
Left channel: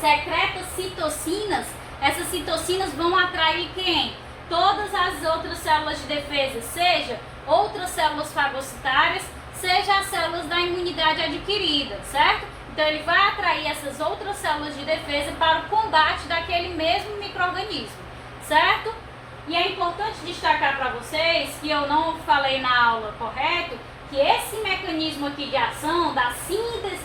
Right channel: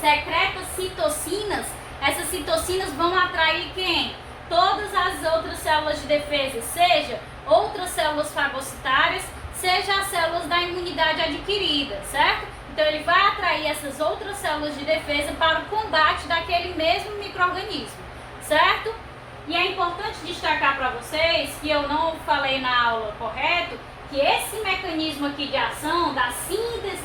secreta citocinas, essas citocinas vão atrair quem? Todas as outras células de defesa, seja outras células fagocitárias, seja as células da imunidade adquirida, certo? Então ele vai atrair essas outras células de defesa para o combate daquele mesmo micro-organismo, certo? E é importante destacar para vocês, que eu não falei na aula correto, que esse mecanismo aqui de ação, da síntese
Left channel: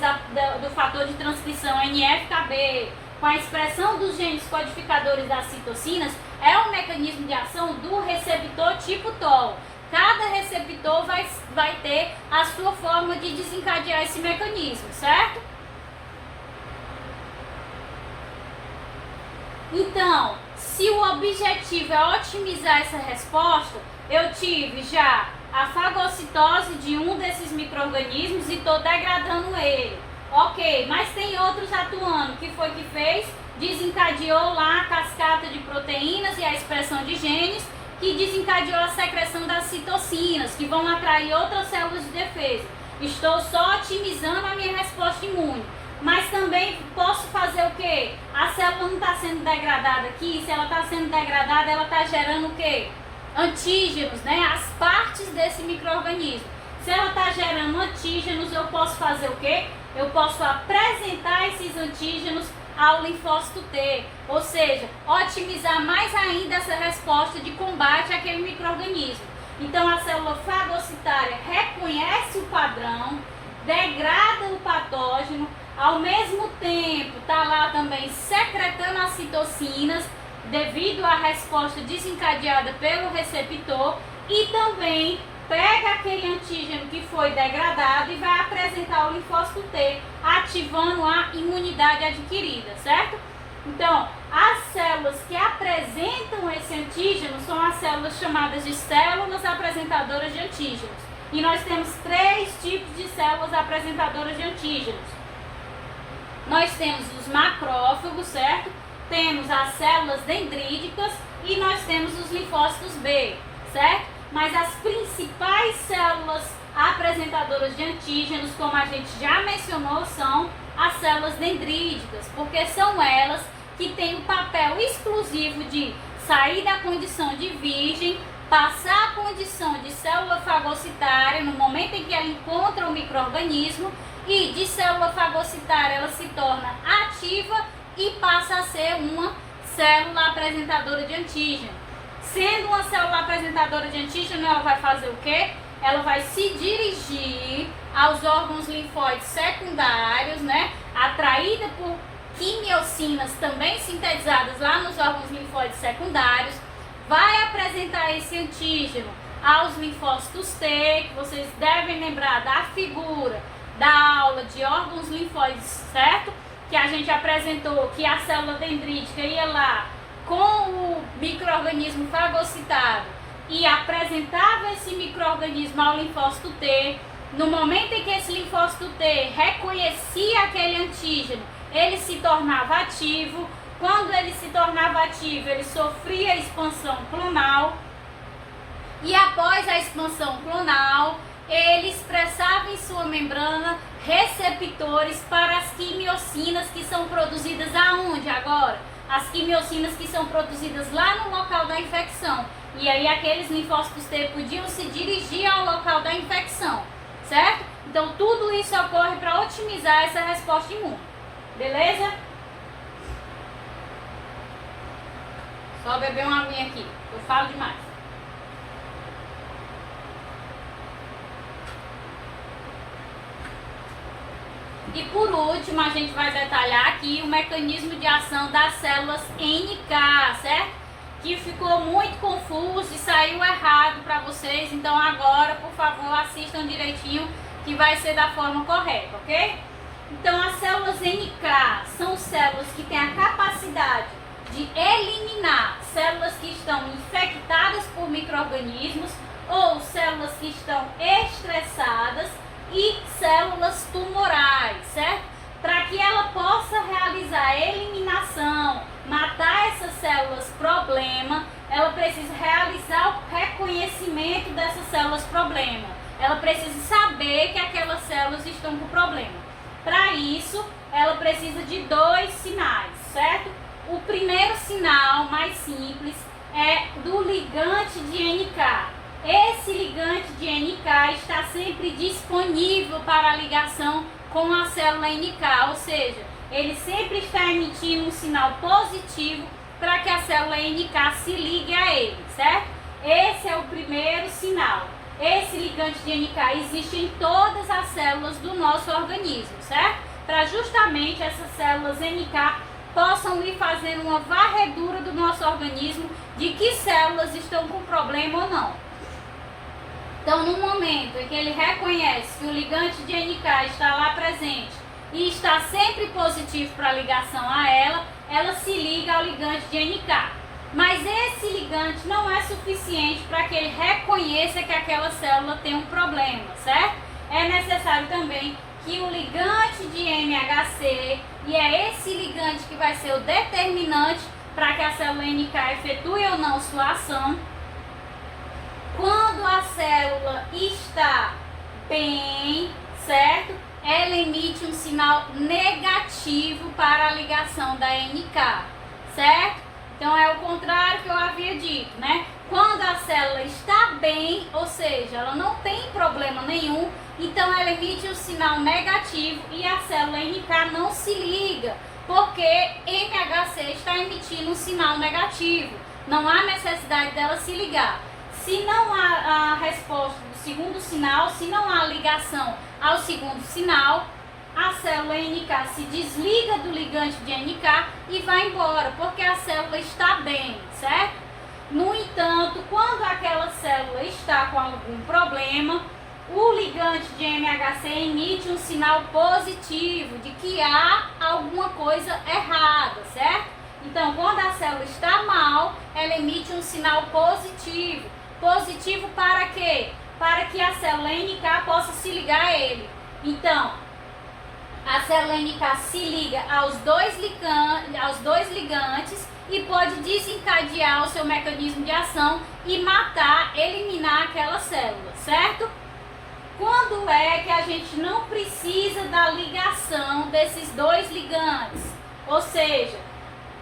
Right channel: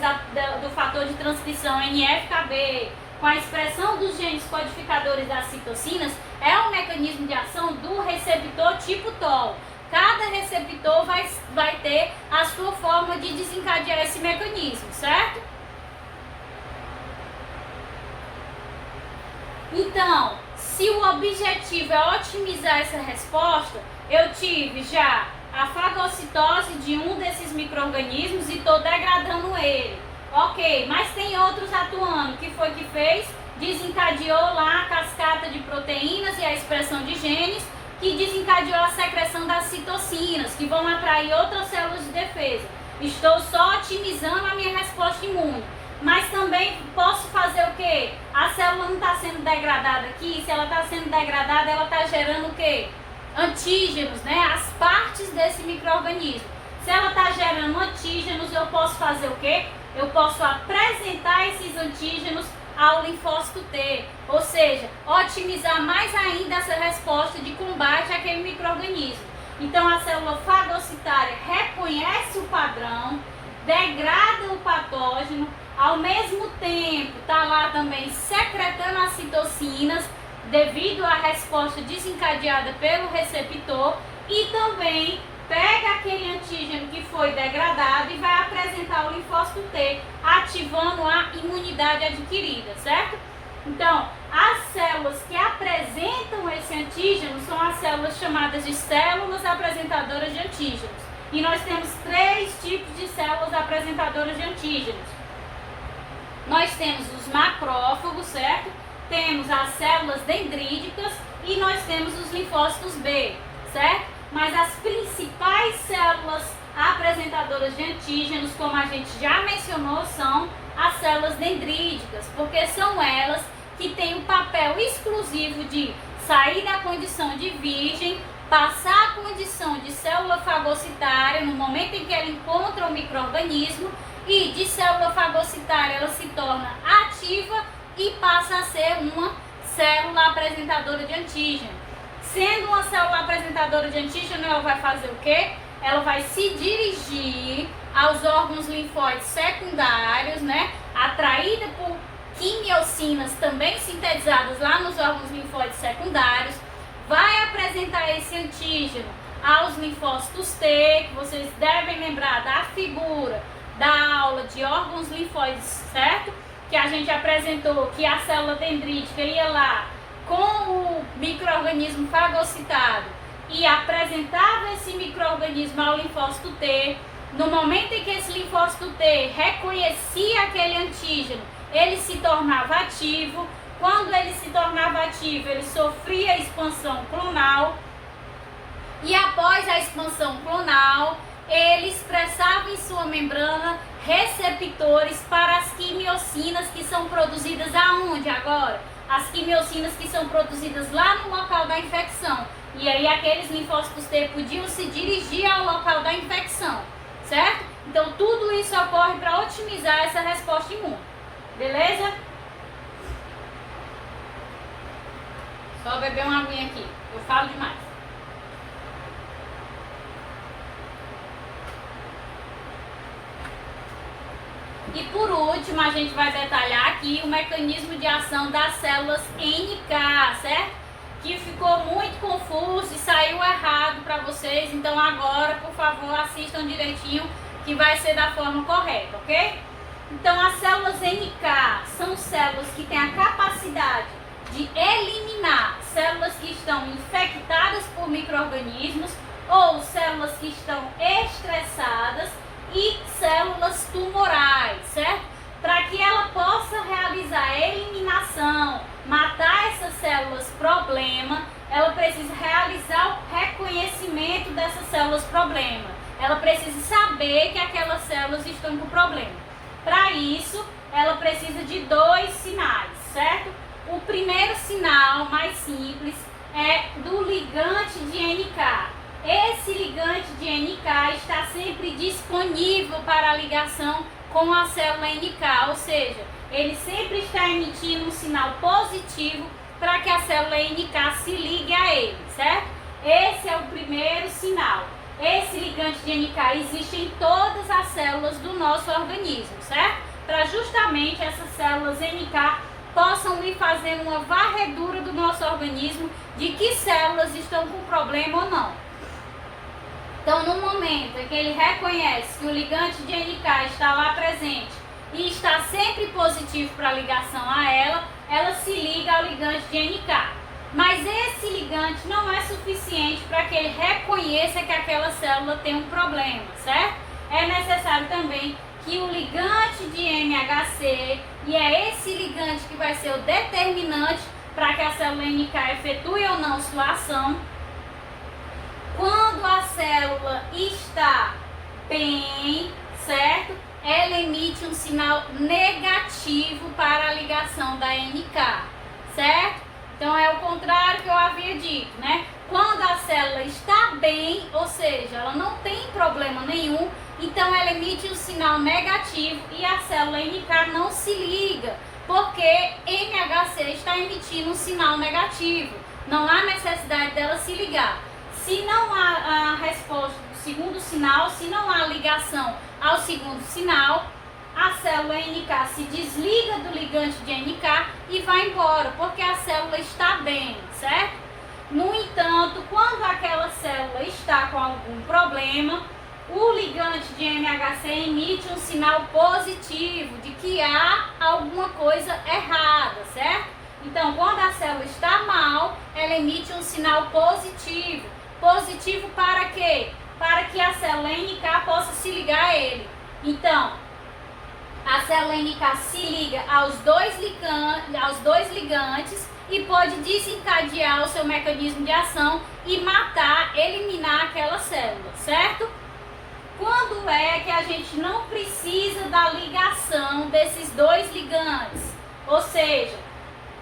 do fator de transcrição NF-κB, com a expressão dos genes codificadores das citocinas, é um mecanismo de ação do receptor tipo TOL. Cada receptor vai ter a sua forma de desencadear esse mecanismo, certo? Então, se o objetivo é otimizar essa resposta, eu tive já a fagocitose de um desses micro-organismos e estou degradando ele. Ok, mas tem outros atuando. O que foi que fez? Desencadeou lá a cascata de proteínas e a expressão de genes, que desencadeou a secreção das citocinas, que vão atrair outras células de defesa. Estou só otimizando a minha resposta imune. Mas também posso fazer o quê? A célula não está sendo degradada aqui. Se ela está sendo degradada, ela está gerando o quê? Antígenos, né? As partes desse micro-organismo. Se ela está gerando antígenos, eu posso fazer o quê? Eu posso apresentar esses antígenos ao linfócito T, ou seja, otimizar mais ainda essa resposta de combate àquele micro-organismo. Então a célula fagocitária reconhece o padrão, degrada o patógeno, ao mesmo tempo está lá também secretando as citocinas devido à resposta desencadeada pelo receptor e também pega aquele antígeno que foi degradado e vai apresentar ao linfócito T, ativando a imunidade adquirida, certo? Então, as células que apresentam esse antígeno são as células chamadas de células apresentadoras de antígenos. E nós temos 3 tipos de células apresentadoras de antígenos. Nós temos os macrófagos, certo? Temos as células dendríticas e nós temos os linfócitos B, certo? Mas as principais células apresentadoras de antígenos, como a gente já mencionou, são as células dendríticas, porque são elas que têm o papel exclusivo de sair da condição de virgem, passar a condição de célula fagocitária no momento em que ela encontra o micro-organismo e de célula fagocitária ela se torna ativa e passa a ser uma célula apresentadora de antígeno. Sendo uma célula apresentadora de antígeno, ela vai fazer o quê? Ela vai se dirigir aos órgãos linfóides secundários, né? Atraída por quimiocinas também sintetizadas lá nos órgãos linfóides secundários, vai apresentar esse antígeno aos linfócitos T, que vocês devem lembrar da figura da aula de órgãos linfóides, certo? Que a gente apresentou que a célula dendrítica ia lá com o micro-organismo fagocitado e apresentava esse micro-organismo ao linfócito T. No momento em que esse linfócito T reconhecia aquele antígeno, ele se tornava ativo. Quando ele se tornava ativo, ele sofria expansão clonal. E após a expansão clonal, ele expressava em sua membrana receptores para as quimiocinas que são produzidas aonde agora? as quimiocinas que são produzidas lá no local da infecção. E aí aqueles linfócitos T podiam se dirigir ao local da infecção, certo? Então tudo isso ocorre para otimizar essa resposta imune, beleza? Só beber uma aguinha aqui, eu falo demais. E por último, a gente vai detalhar aqui o mecanismo de ação das células NK, certo? Que ficou muito confuso e saiu errado para vocês. Então agora, por favor, assistam direitinho que vai ser da forma correta, ok? Então as células NK são células que têm a capacidade de eliminar células que estão infectadas por micro-organismos ou células que estão estressadas e células tumorais, certo? Para que ela possa realizar a eliminação, matar essas células problema, ela precisa realizar o reconhecimento dessas células problema. Ela precisa saber que aquelas células estão com problema. Para isso, ela precisa de 2 sinais, certo? O primeiro sinal, mais simples, é do ligante de NK. Esse ligante de NK está sempre disponível para a ligação com a célula NK, ou seja, ele sempre está emitindo um sinal positivo para que a célula NK se ligue a ele, certo? Esse é o primeiro sinal. Esse ligante de NK existe em todas as células do nosso organismo, certo? Para justamente essas células NK possam ir fazendo uma varredura do nosso organismo de que células estão com problema ou não. Então, no momento em que ele reconhece que o ligante de NK está lá presente e está sempre positivo para a ligação a ela, ela se liga ao ligante de NK. Mas esse ligante não é suficiente para que ele reconheça que aquela célula tem um problema, certo? É necessário também que o ligante de MHC, e é esse ligante que vai ser o determinante para que a célula NK efetue ou não sua ação. Quando a célula está bem, certo? Ela emite um sinal negativo para a ligação da NK, certo? Então é o contrário que eu havia dito, né? Quando a célula está bem, ou seja, ela não tem problema nenhum, então ela emite um sinal negativo e a célula NK não se liga, porque MHC está emitindo um sinal negativo. Não há necessidade dela se ligar. Se não há a resposta do segundo sinal, se não há ligação ao segundo sinal, a célula NK se desliga do ligante de NK e vai embora, porque a célula está bem, certo? No entanto, quando aquela célula está com algum problema, o ligante de MHC emite um sinal positivo de que há alguma coisa errada, certo? Então, quando a célula está mal, ela emite um sinal positivo. Positivo para quê? Para que a célula NK possa se ligar a ele. Então, a célula NK se liga aos dois ligantes e pode desencadear o seu mecanismo de ação e matar, eliminar aquela célula, certo? Quando é que a gente não precisa da ligação desses 2 ligantes? Ou seja,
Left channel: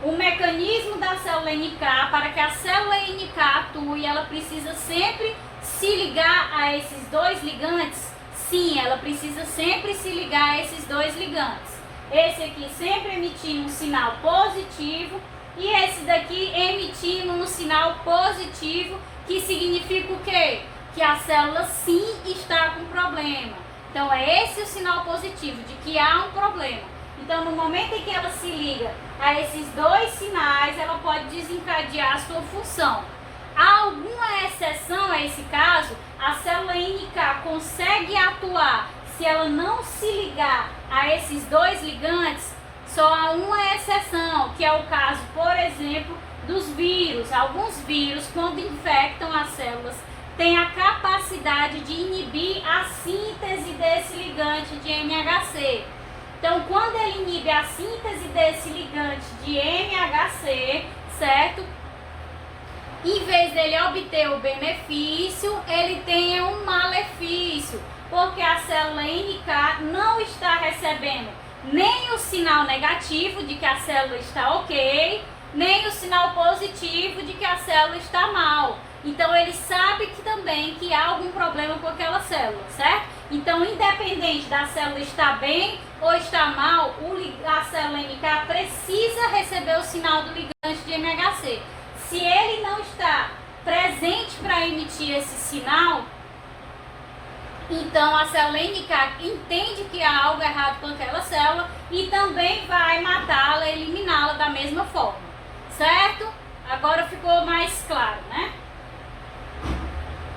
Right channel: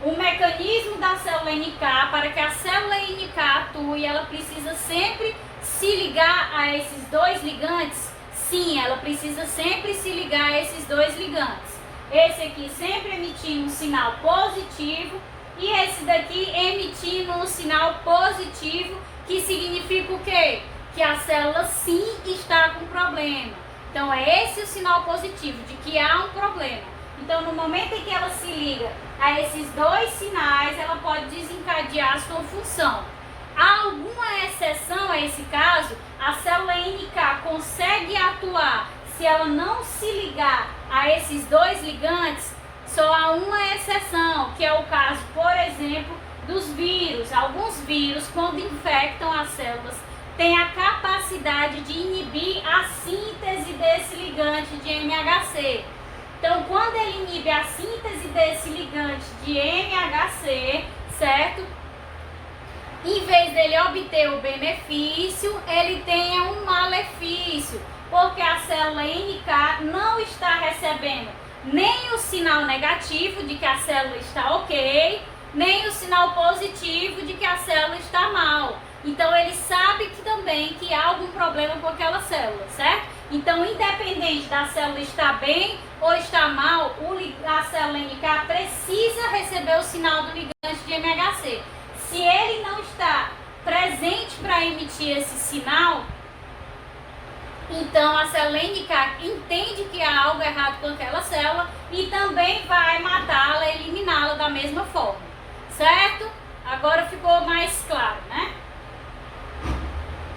o mecanismo da célula NK, para que a célula NK atue, ela precisa sempre se ligar a esses 2 ligantes? Sim, ela precisa sempre se ligar a esses 2 ligantes. Esse aqui sempre emitindo um sinal positivo e esse daqui emitindo um sinal positivo, que significa o quê? Que a célula sim está com problema. Então é esse o sinal positivo, de que há um problema. Então no momento em que ela se liga a esses 2 sinais, ela pode desencadear a sua função. Há alguma exceção a esse caso? A célula NK consegue atuar se ela não se ligar a esses 2 ligantes? Só há uma exceção, que é o caso, por exemplo, dos vírus. Alguns vírus, quando infectam as células, têm a capacidade de inibir a síntese desse ligante de MHC. Então, quando ele inibe a síntese desse ligante de MHC, certo? Em vez dele obter o benefício, ele tem um malefício, porque a célula NK não está recebendo nem o sinal negativo de que a célula está ok nem o sinal positivo de que a célula está mal. Então ele sabe que também que há algum problema com aquela célula, certo? Então, independente da célula estar bem ou estar mal, a célula NK precisa receber o sinal do ligante de MHC. Se ele não está presente para emitir esse sinal, então a célula NK entende que há algo errado com aquela célula e também vai matá-la, eliminá-la da mesma forma, certo? Agora ficou mais claro, né?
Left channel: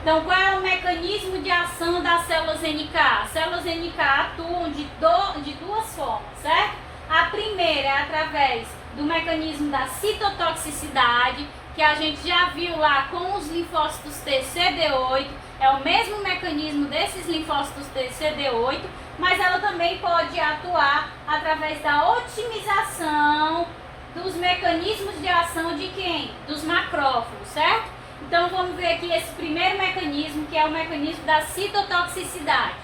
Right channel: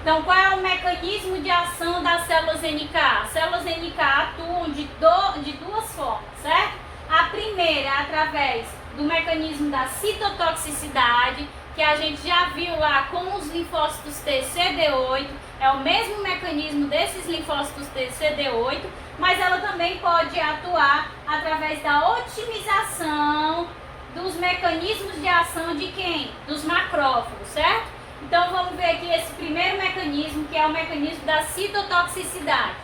Então, qual é o mecanismo de ação das células NK? As células NK atuam de duas formas, certo? A primeira é através do mecanismo da citotoxicidade, que a gente já viu lá com os linfócitos T CD8, é o mesmo mecanismo desses linfócitos T CD8, mas ela também pode atuar através da otimização dos mecanismos de ação de quem? Dos macrófagos, certo? Então vamos ver aqui esse primeiro mecanismo, que é o mecanismo da citotoxicidade.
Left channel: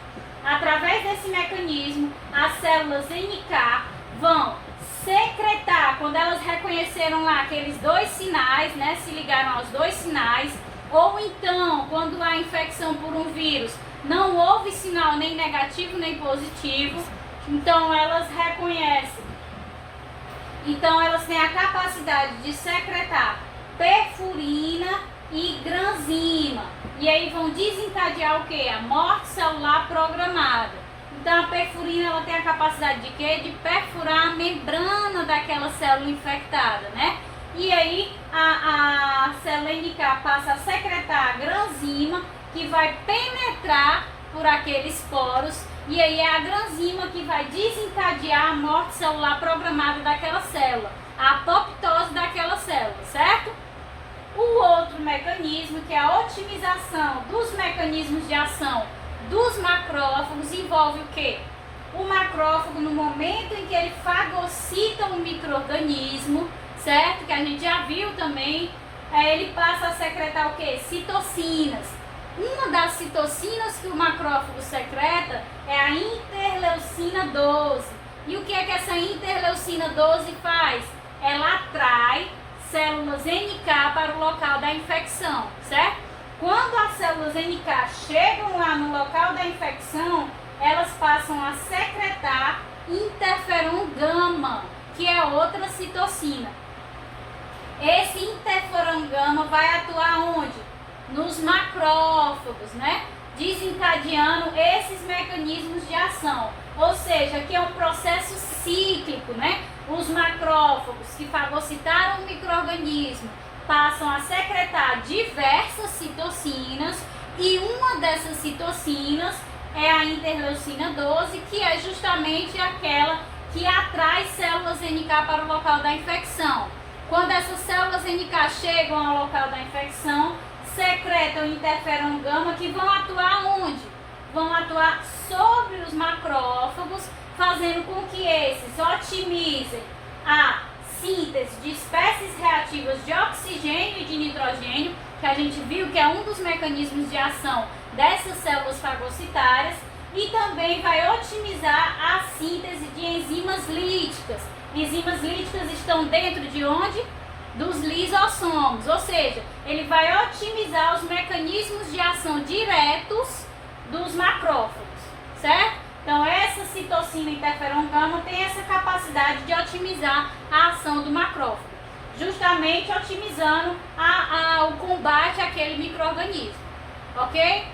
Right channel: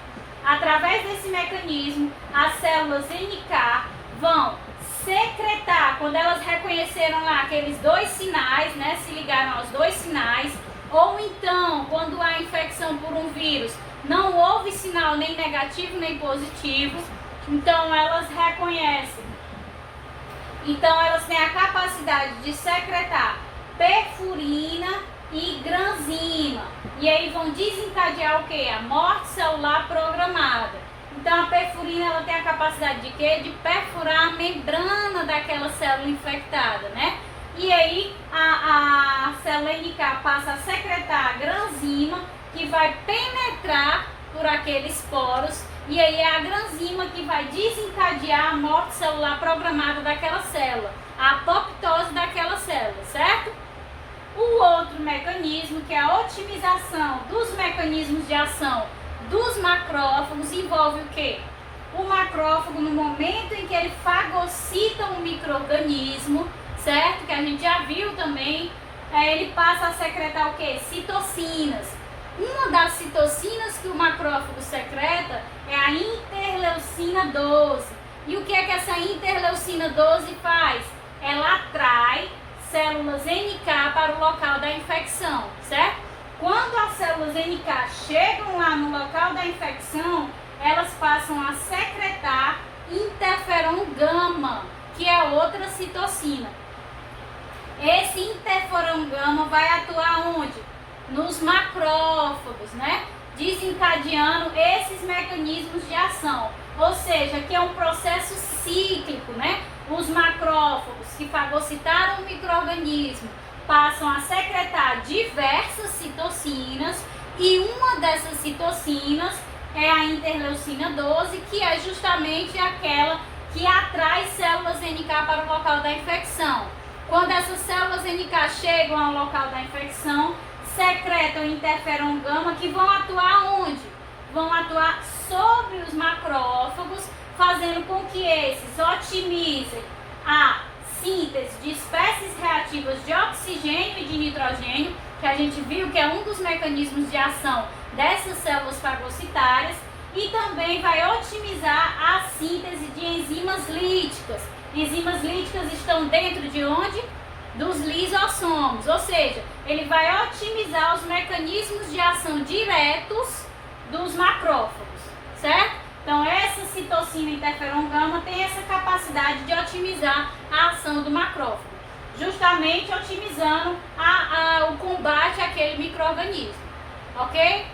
Através desse mecanismo, as células NK vão secretar, quando elas reconheceram lá aqueles dois sinais, né, se ligaram aos dois sinais, ou então, quando há infecção por um vírus, não houve sinal nem negativo nem positivo, então elas reconhecem. Então elas têm a capacidade de secretar perfurina e granzima, e aí vão desencadear o que? A morte celular programada. Então a perfurina ela tem a capacidade de quê? De perfurar a membrana daquela célula infectada, né? E aí a célula NK passa a secretar a granzima, que vai penetrar por aqueles poros, e aí é a granzima que vai desencadear a morte celular programada daquela célula, a apoptose daquela célula, certo? O outro mecanismo, que é a otimização dos mecanismos de ação dos macrófagos, envolve o quê? O macrófago, no momento em que ele fagocita um micro-organismo, certo? Que a gente já viu também, ele passa a secretar o quê? Citocinas. Uma das citocinas que o macrófago secreta é a interleucina 12. E o que é que essa interleucina 12 faz? Ela atrai células NK para o local da infecção, certo? Quando as células NK chegam lá no local da infecção, elas passam a secretar interferon gama, que é outra citocina. Esse interferon gama vai atuar onde? Nos macrófagos, né? Desencadeando esses mecanismos de ação. Ou seja, que é um processo cíclico, né? Os macrófagos que fagocitaram o micro-organismo passam a secretar diversas citocinas, e uma dessas citocinas é a interleucina 12, que é justamente aquela que atrai células NK para o local da infecção. Quando essas células NK chegam ao local da infecção, secretam interferon gama, que vão atuar onde? Vão atuar sobre os macrófagos, fazendo com que esses otimizem a síntese de espécies reativas de oxigênio e de nitrogênio, que a gente viu que é um dos mecanismos de ação dessas células fagocitárias, e também vai otimizar a síntese de enzimas líticas. Enzimas líticas estão dentro de onde? Dos lisossomos, ou seja, ele vai otimizar os mecanismos de ação diretos dos macrófagos, certo? Então essa citocina interferon gama tem essa capacidade de otimizar a ação do macrófago, justamente otimizando o combate àquele micro-organismo, ok?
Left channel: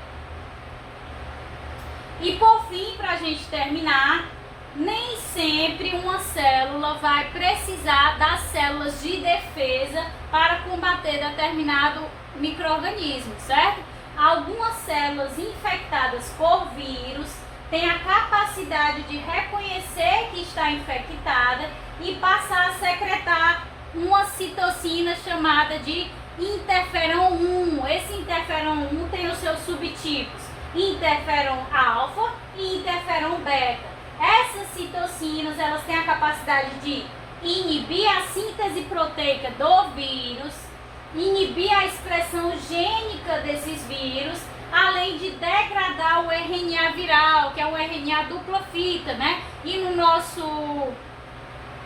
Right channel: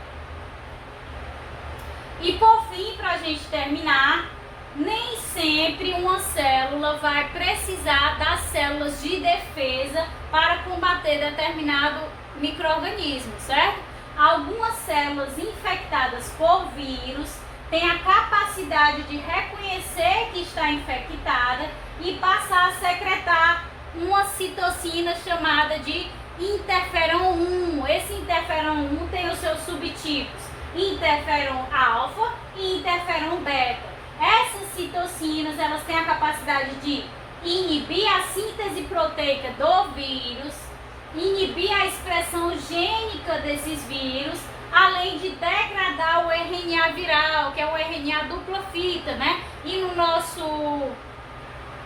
E por fim, para a gente terminar, nem sempre uma célula vai precisar das células de defesa para combater determinado micro-organismo, certo? Algumas células infectadas por vírus têm a capacidade de reconhecer que está infectada e passar a secretar uma citocina chamada de interferon 1. Esse interferon 1 tem os seus subtipos interferon alfa e interferon beta. Essas citocinas, elas têm a capacidade de inibir a síntese proteica do vírus, inibir a expressão gênica desses vírus, além de degradar o RNA viral, que é o RNA dupla fita, né? E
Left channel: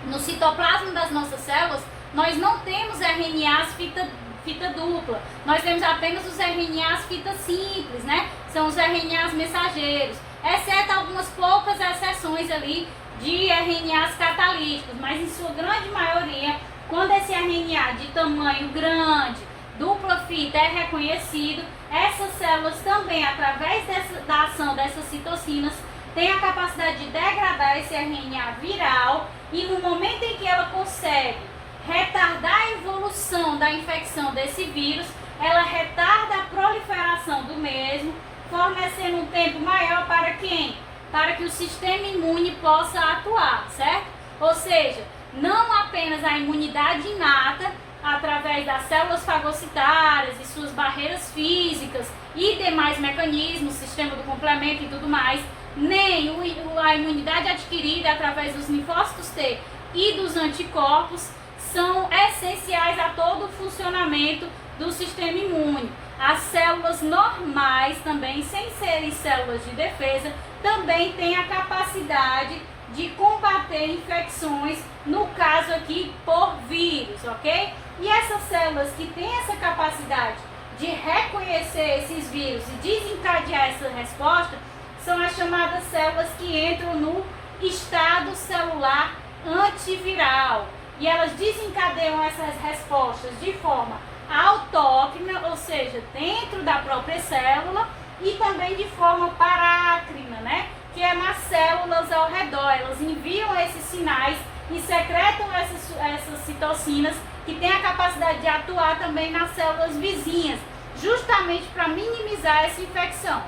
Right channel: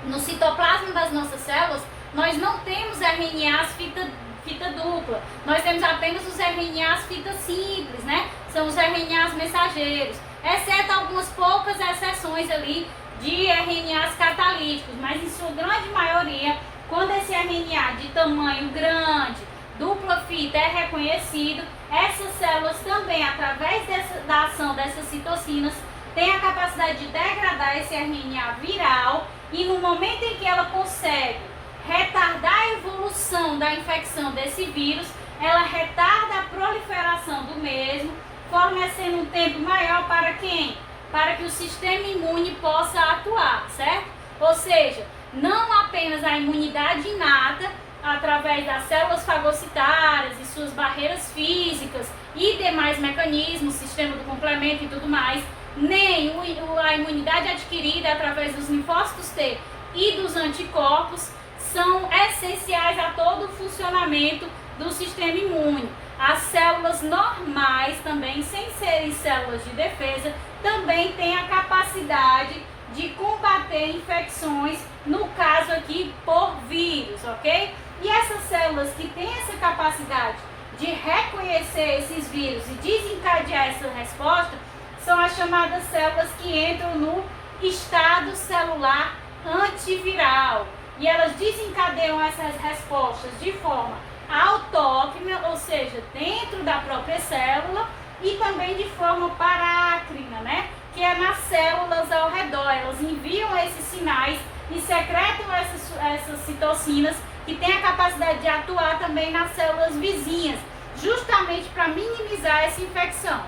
no citoplasma das nossas células, nós não temos RNAs fita dupla, nós temos apenas os RNAs fita simples, né? São os RNAs mensageiros, exceto algumas poucas exceções ali de RNAs catalíticos, mas em sua grande maioria, quando esse RNA de tamanho grande, dupla fita, é reconhecido, essas células também, através da ação dessas citocinas, têm a capacidade de degradar esse RNA viral e no momento em que ela consegue retardar a evolução da infecção desse vírus, ela retarda a proliferação do mesmo, fornecendo um tempo maior para quem? Para que o sistema imune possa atuar, certo? Ou seja, não apenas a imunidade inata, através das células fagocitárias e suas barreiras físicas e demais mecanismos, sistema do complemento e tudo mais, nem a imunidade adquirida através dos linfócitos T e dos anticorpos são essenciais a todo o funcionamento do sistema imune. As células normais também, sem serem células de defesa, também têm a capacidade de combater infecções, no caso aqui por vírus, ok? E essas células que têm essa capacidade de reconhecer esses vírus e desencadear essa resposta são as chamadas células que entram no estado celular antiviral. E elas desencadeiam essas respostas de forma autócrina, ou seja, dentro da própria célula, e também de forma parácrina, né? Que é nas células ao redor. Elas enviam esses sinais e secretam essas citocinas que têm a capacidade de atuar também nas células vizinhas, justamente para minimizar essa infecção.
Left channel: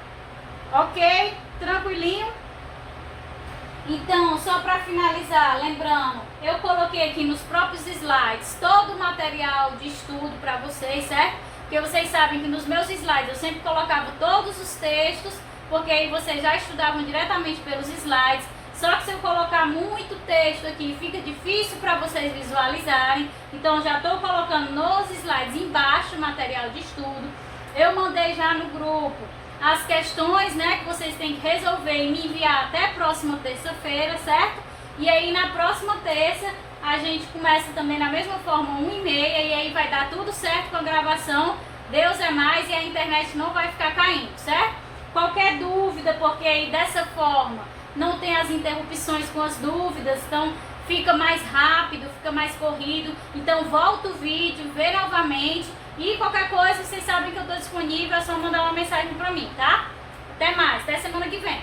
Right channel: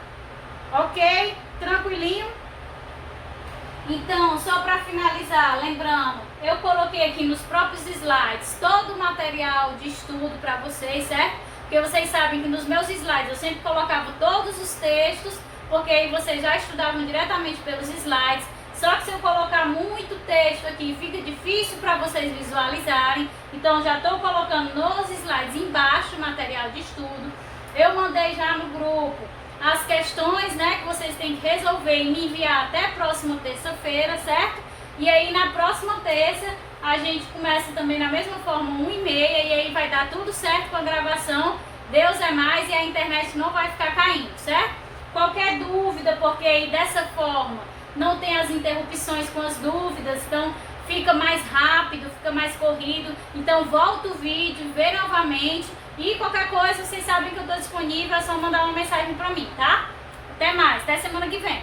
Ok? Tranquilinho? Então, só para finalizar, lembrando, eu coloquei aqui nos próprios slides todo o material de estudo para vocês, certo? Porque vocês sabem que nos meus slides eu sempre colocava todos os textos, porque aí vocês já estudavam diretamente pelos slides. Só que se eu colocar muito texto aqui, fica difícil para vocês visualizarem. Então, já estou colocando nos slides embaixo o material de estudo. Eu mandei já no grupo as questões, né, que vocês têm que resolver e me enviar até a próxima terça-feira, certo? E aí, na próxima terça, a gente começa também na mesma forma, 1h30, e aí vai dar tudo certo com a gravação. Deus é mais e a internet não vai ficar caindo, certo? Qualquer dúvida, porque aí dessa forma não tem as interrupções com as dúvidas, então fica mais rápido, fica mais corrido. Então volta o vídeo, vê novamente e qualquer coisa, vocês sabem que eu estou disponível, é só mandar uma mensagem para mim, tá? Até mais, até semana que vem.